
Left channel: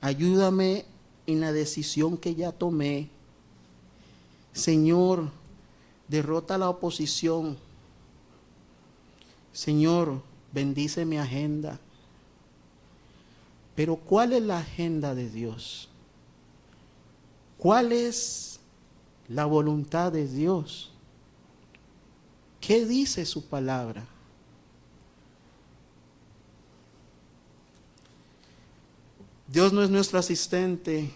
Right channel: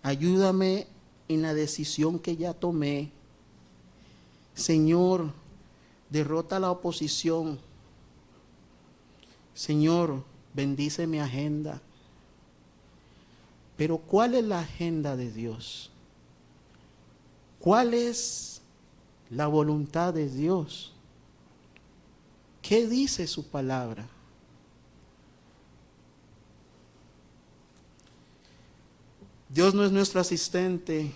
ayúdame en la decisión que ya tomé. Señor, derrota la oposición. Señor, bendice mi agenda. Pero ¿cuál es la agenda de Dios? ¿Cuál es la voluntad de Dios? ¿Qué dice su palabra? Dios no es nuestro asistente.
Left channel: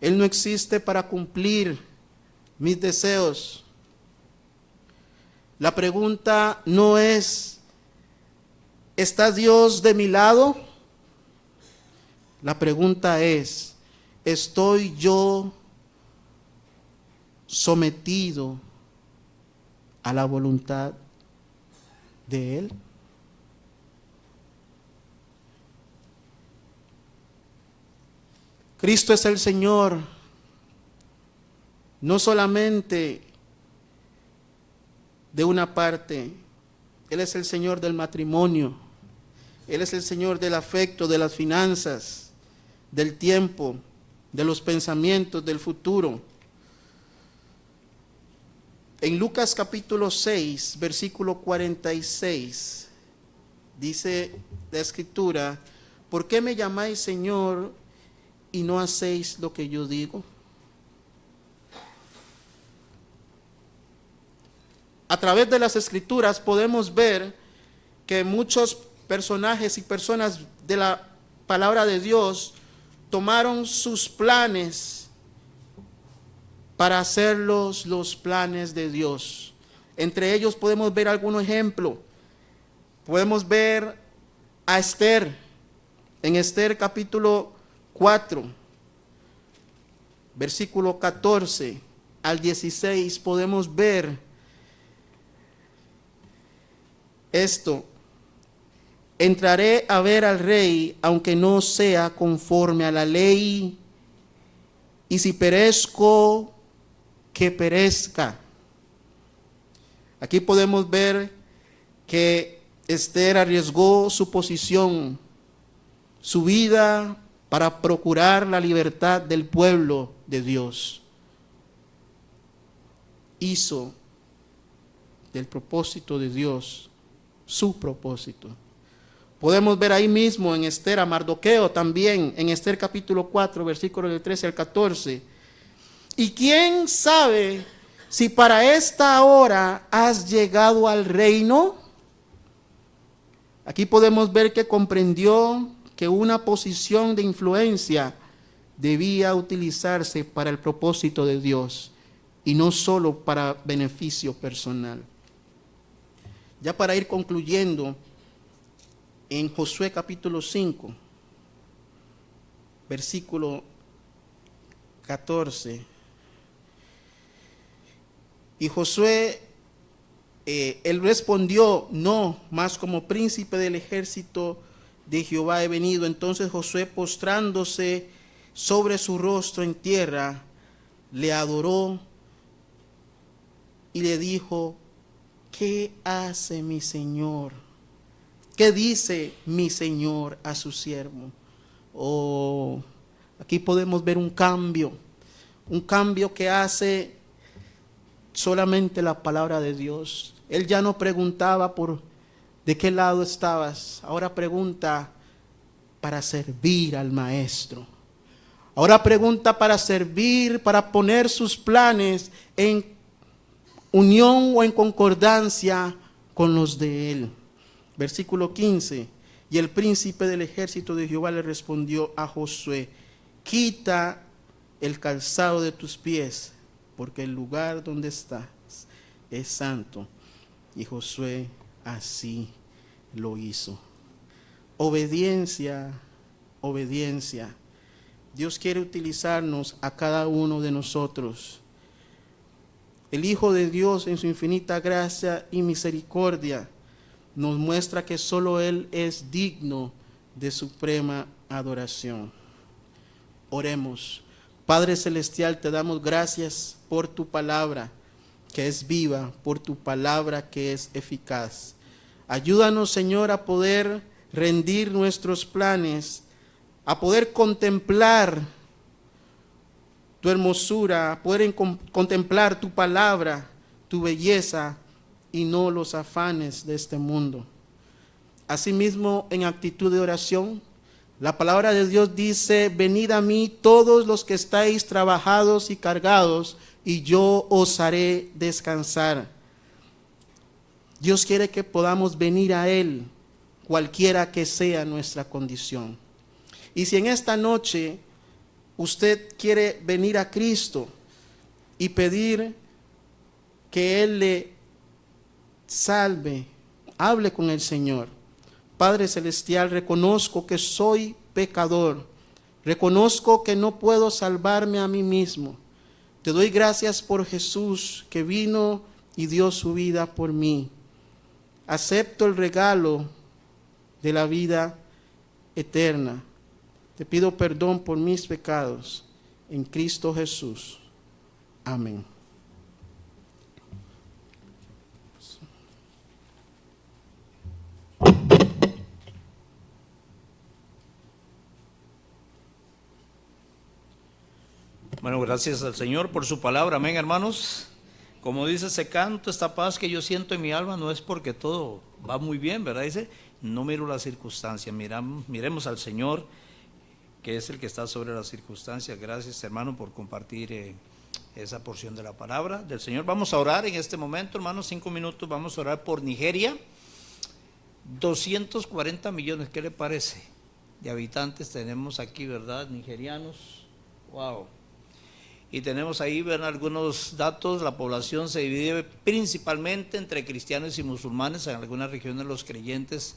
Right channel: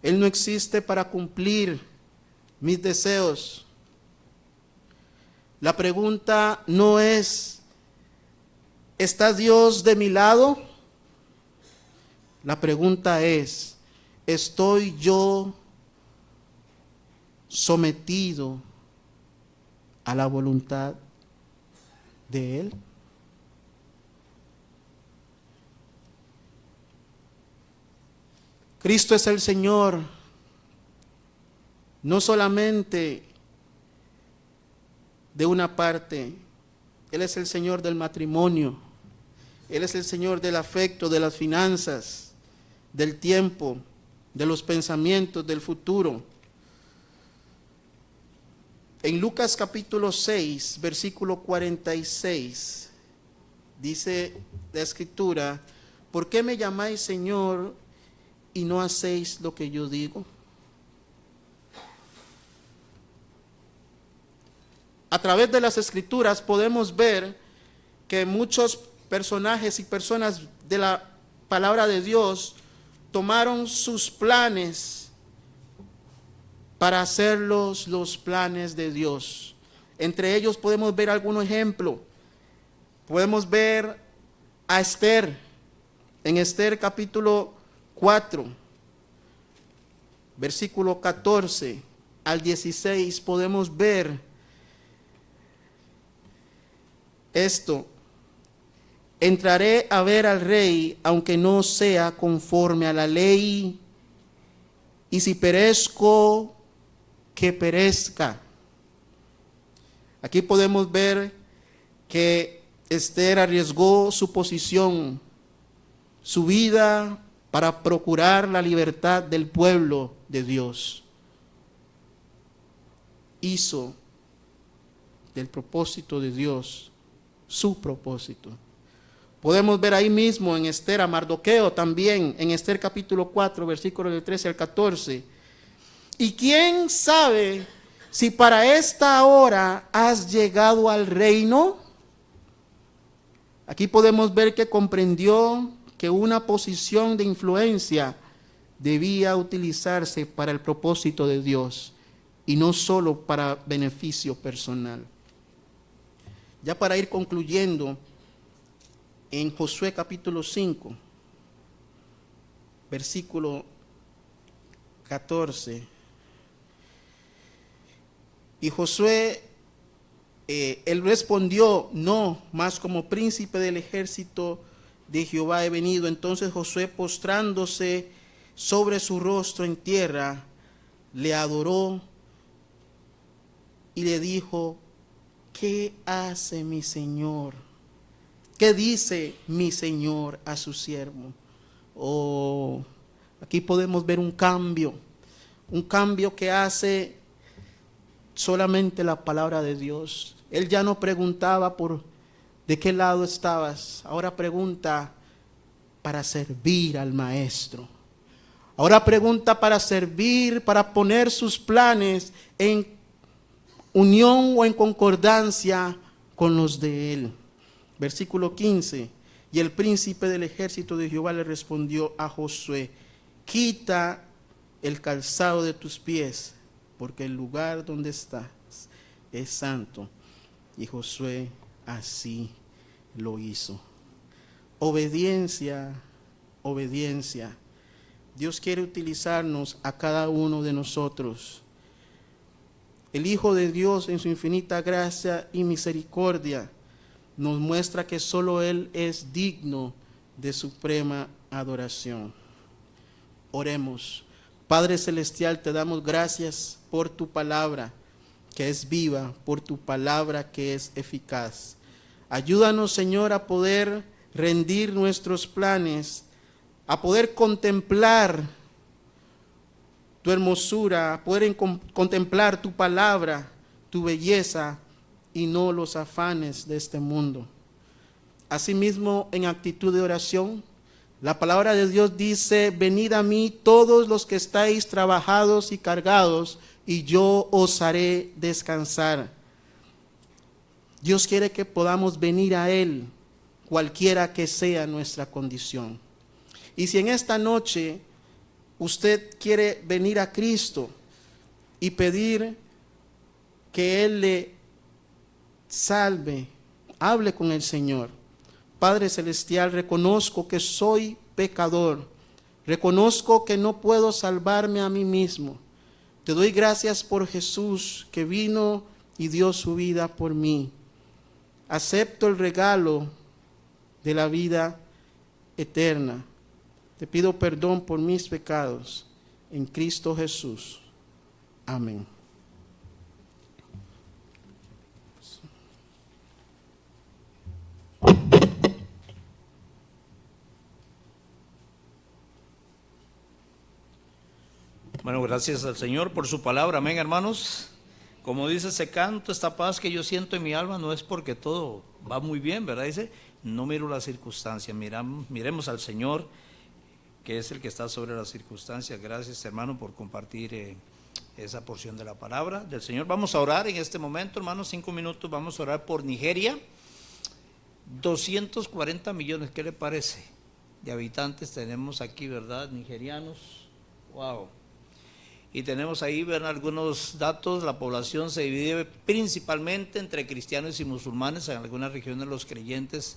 Él no existe para cumplir mis deseos. La pregunta no es, ¿está Dios de mi lado? La pregunta es, ¿estoy yo sometido a la voluntad de Él? Cristo es el Señor, no solamente de una parte. Él es el Señor del matrimonio, Él es el Señor del afecto, de las finanzas, del tiempo, de los pensamientos, del futuro. En Lucas capítulo 6, versículo 46, dice la Escritura, ¿por qué me llamáis Señor y no hacéis lo que yo digo? A través de las Escrituras podemos ver que muchos personajes y personas de la palabra de Dios tomaron sus planes para hacerlos los planes de Dios. Entre ellos podemos ver algún ejemplo. Podemos ver a Esther. En Esther capítulo 4, versículo 14 al 16, podemos ver esto. Entraré a ver al rey, aunque no sea conforme a la ley, y si perezco, que perezca. Aquí podemos ver que Esther arriesgó su posición, su vida, para procurar la libertad del pueblo de Dios. Hizo del propósito de Dios su propósito. Podemos ver ahí mismo en Esther a Mardoqueo también, en Esther capítulo 4, versículos del 13 al 14. Y quién sabe si para esta hora has llegado al reino. Aquí podemos ver que comprendió que una posición de influencia debía utilizarse para el propósito de Dios y no solo para beneficio personal. Ya para ir concluyendo, en Josué capítulo 5, versículo 14. Y Josué, él respondió: no, mas como príncipe del ejército de Jehová he venido. Entonces Josué, postrándose sobre su rostro en tierra, le adoró y le dijo: ¿qué hace mi Señor? ¿Qué dice mi Señor a su siervo? Oh, aquí podemos ver un cambio que hace solamente la palabra de Dios. Él ya no preguntaba por de qué lado estabas, ahora pregunta para servir al maestro. Ahora pregunta para servir, para poner sus planes en unión o en concordancia con los de él. Versículo 15. Y el príncipe del ejército de Jehová le respondió a Josué: quita el calzado de tus pies, porque el lugar donde estás es santo. Y Josué así lo hizo. Obediencia, obediencia. Dios quiere utilizarnos a cada uno de nosotros. El Hijo de Dios, en su infinita gracia y misericordia, nos muestra que solo Él es digno de suprema adoración. Oremos. Padre Celestial, te damos gracias por tu palabra que es viva, por tu palabra que es eficaz. Ayúdanos, Señor, a poder rendir nuestros planes, a poder contemplar tu hermosura, a poder contemplar tu palabra, tu belleza, y no los afanes de este mundo. Asimismo, en actitud de oración, la palabra de Dios dice: venid a mí todos los que estáis trabajados y cargados, y yo os haré descansar. Dios quiere que podamos venir a Él, cualquiera que sea nuestra condición. Y si en esta noche usted quiere venir a Cristo y pedir que Él le salve, hable con el Señor. Padre Celestial, reconozco que soy pecador, reconozco que no puedo salvarme a mí mismo. Te doy gracias por Jesús, que vino y dio su vida por mí. Acepto el regalo de la vida eterna. Te pido perdón por mis pecados en Cristo Jesús. Amén. Bueno, gracias al Señor por su palabra. Amén, hermanos. Como dice ese canto, esta paz que yo siento en mi alma no es porque todo va muy bien, ¿verdad? Dice, no miro las circunstancias, miremos al Señor, que es el que está sobre las circunstancias. Gracias, hermano, por compartir esa porción de la palabra del Señor. Vamos a orar en este momento, hermanos, 5 minutos. Vamos a orar por Nigeria. 240 millones, ¿qué le parece? De habitantes tenemos aquí, ¿verdad? Nigerianos. Wow. Y tenemos ahí, ven algunos datos. La población se divide principalmente entre cristianos y musulmanes. En algunas regiones los creyentes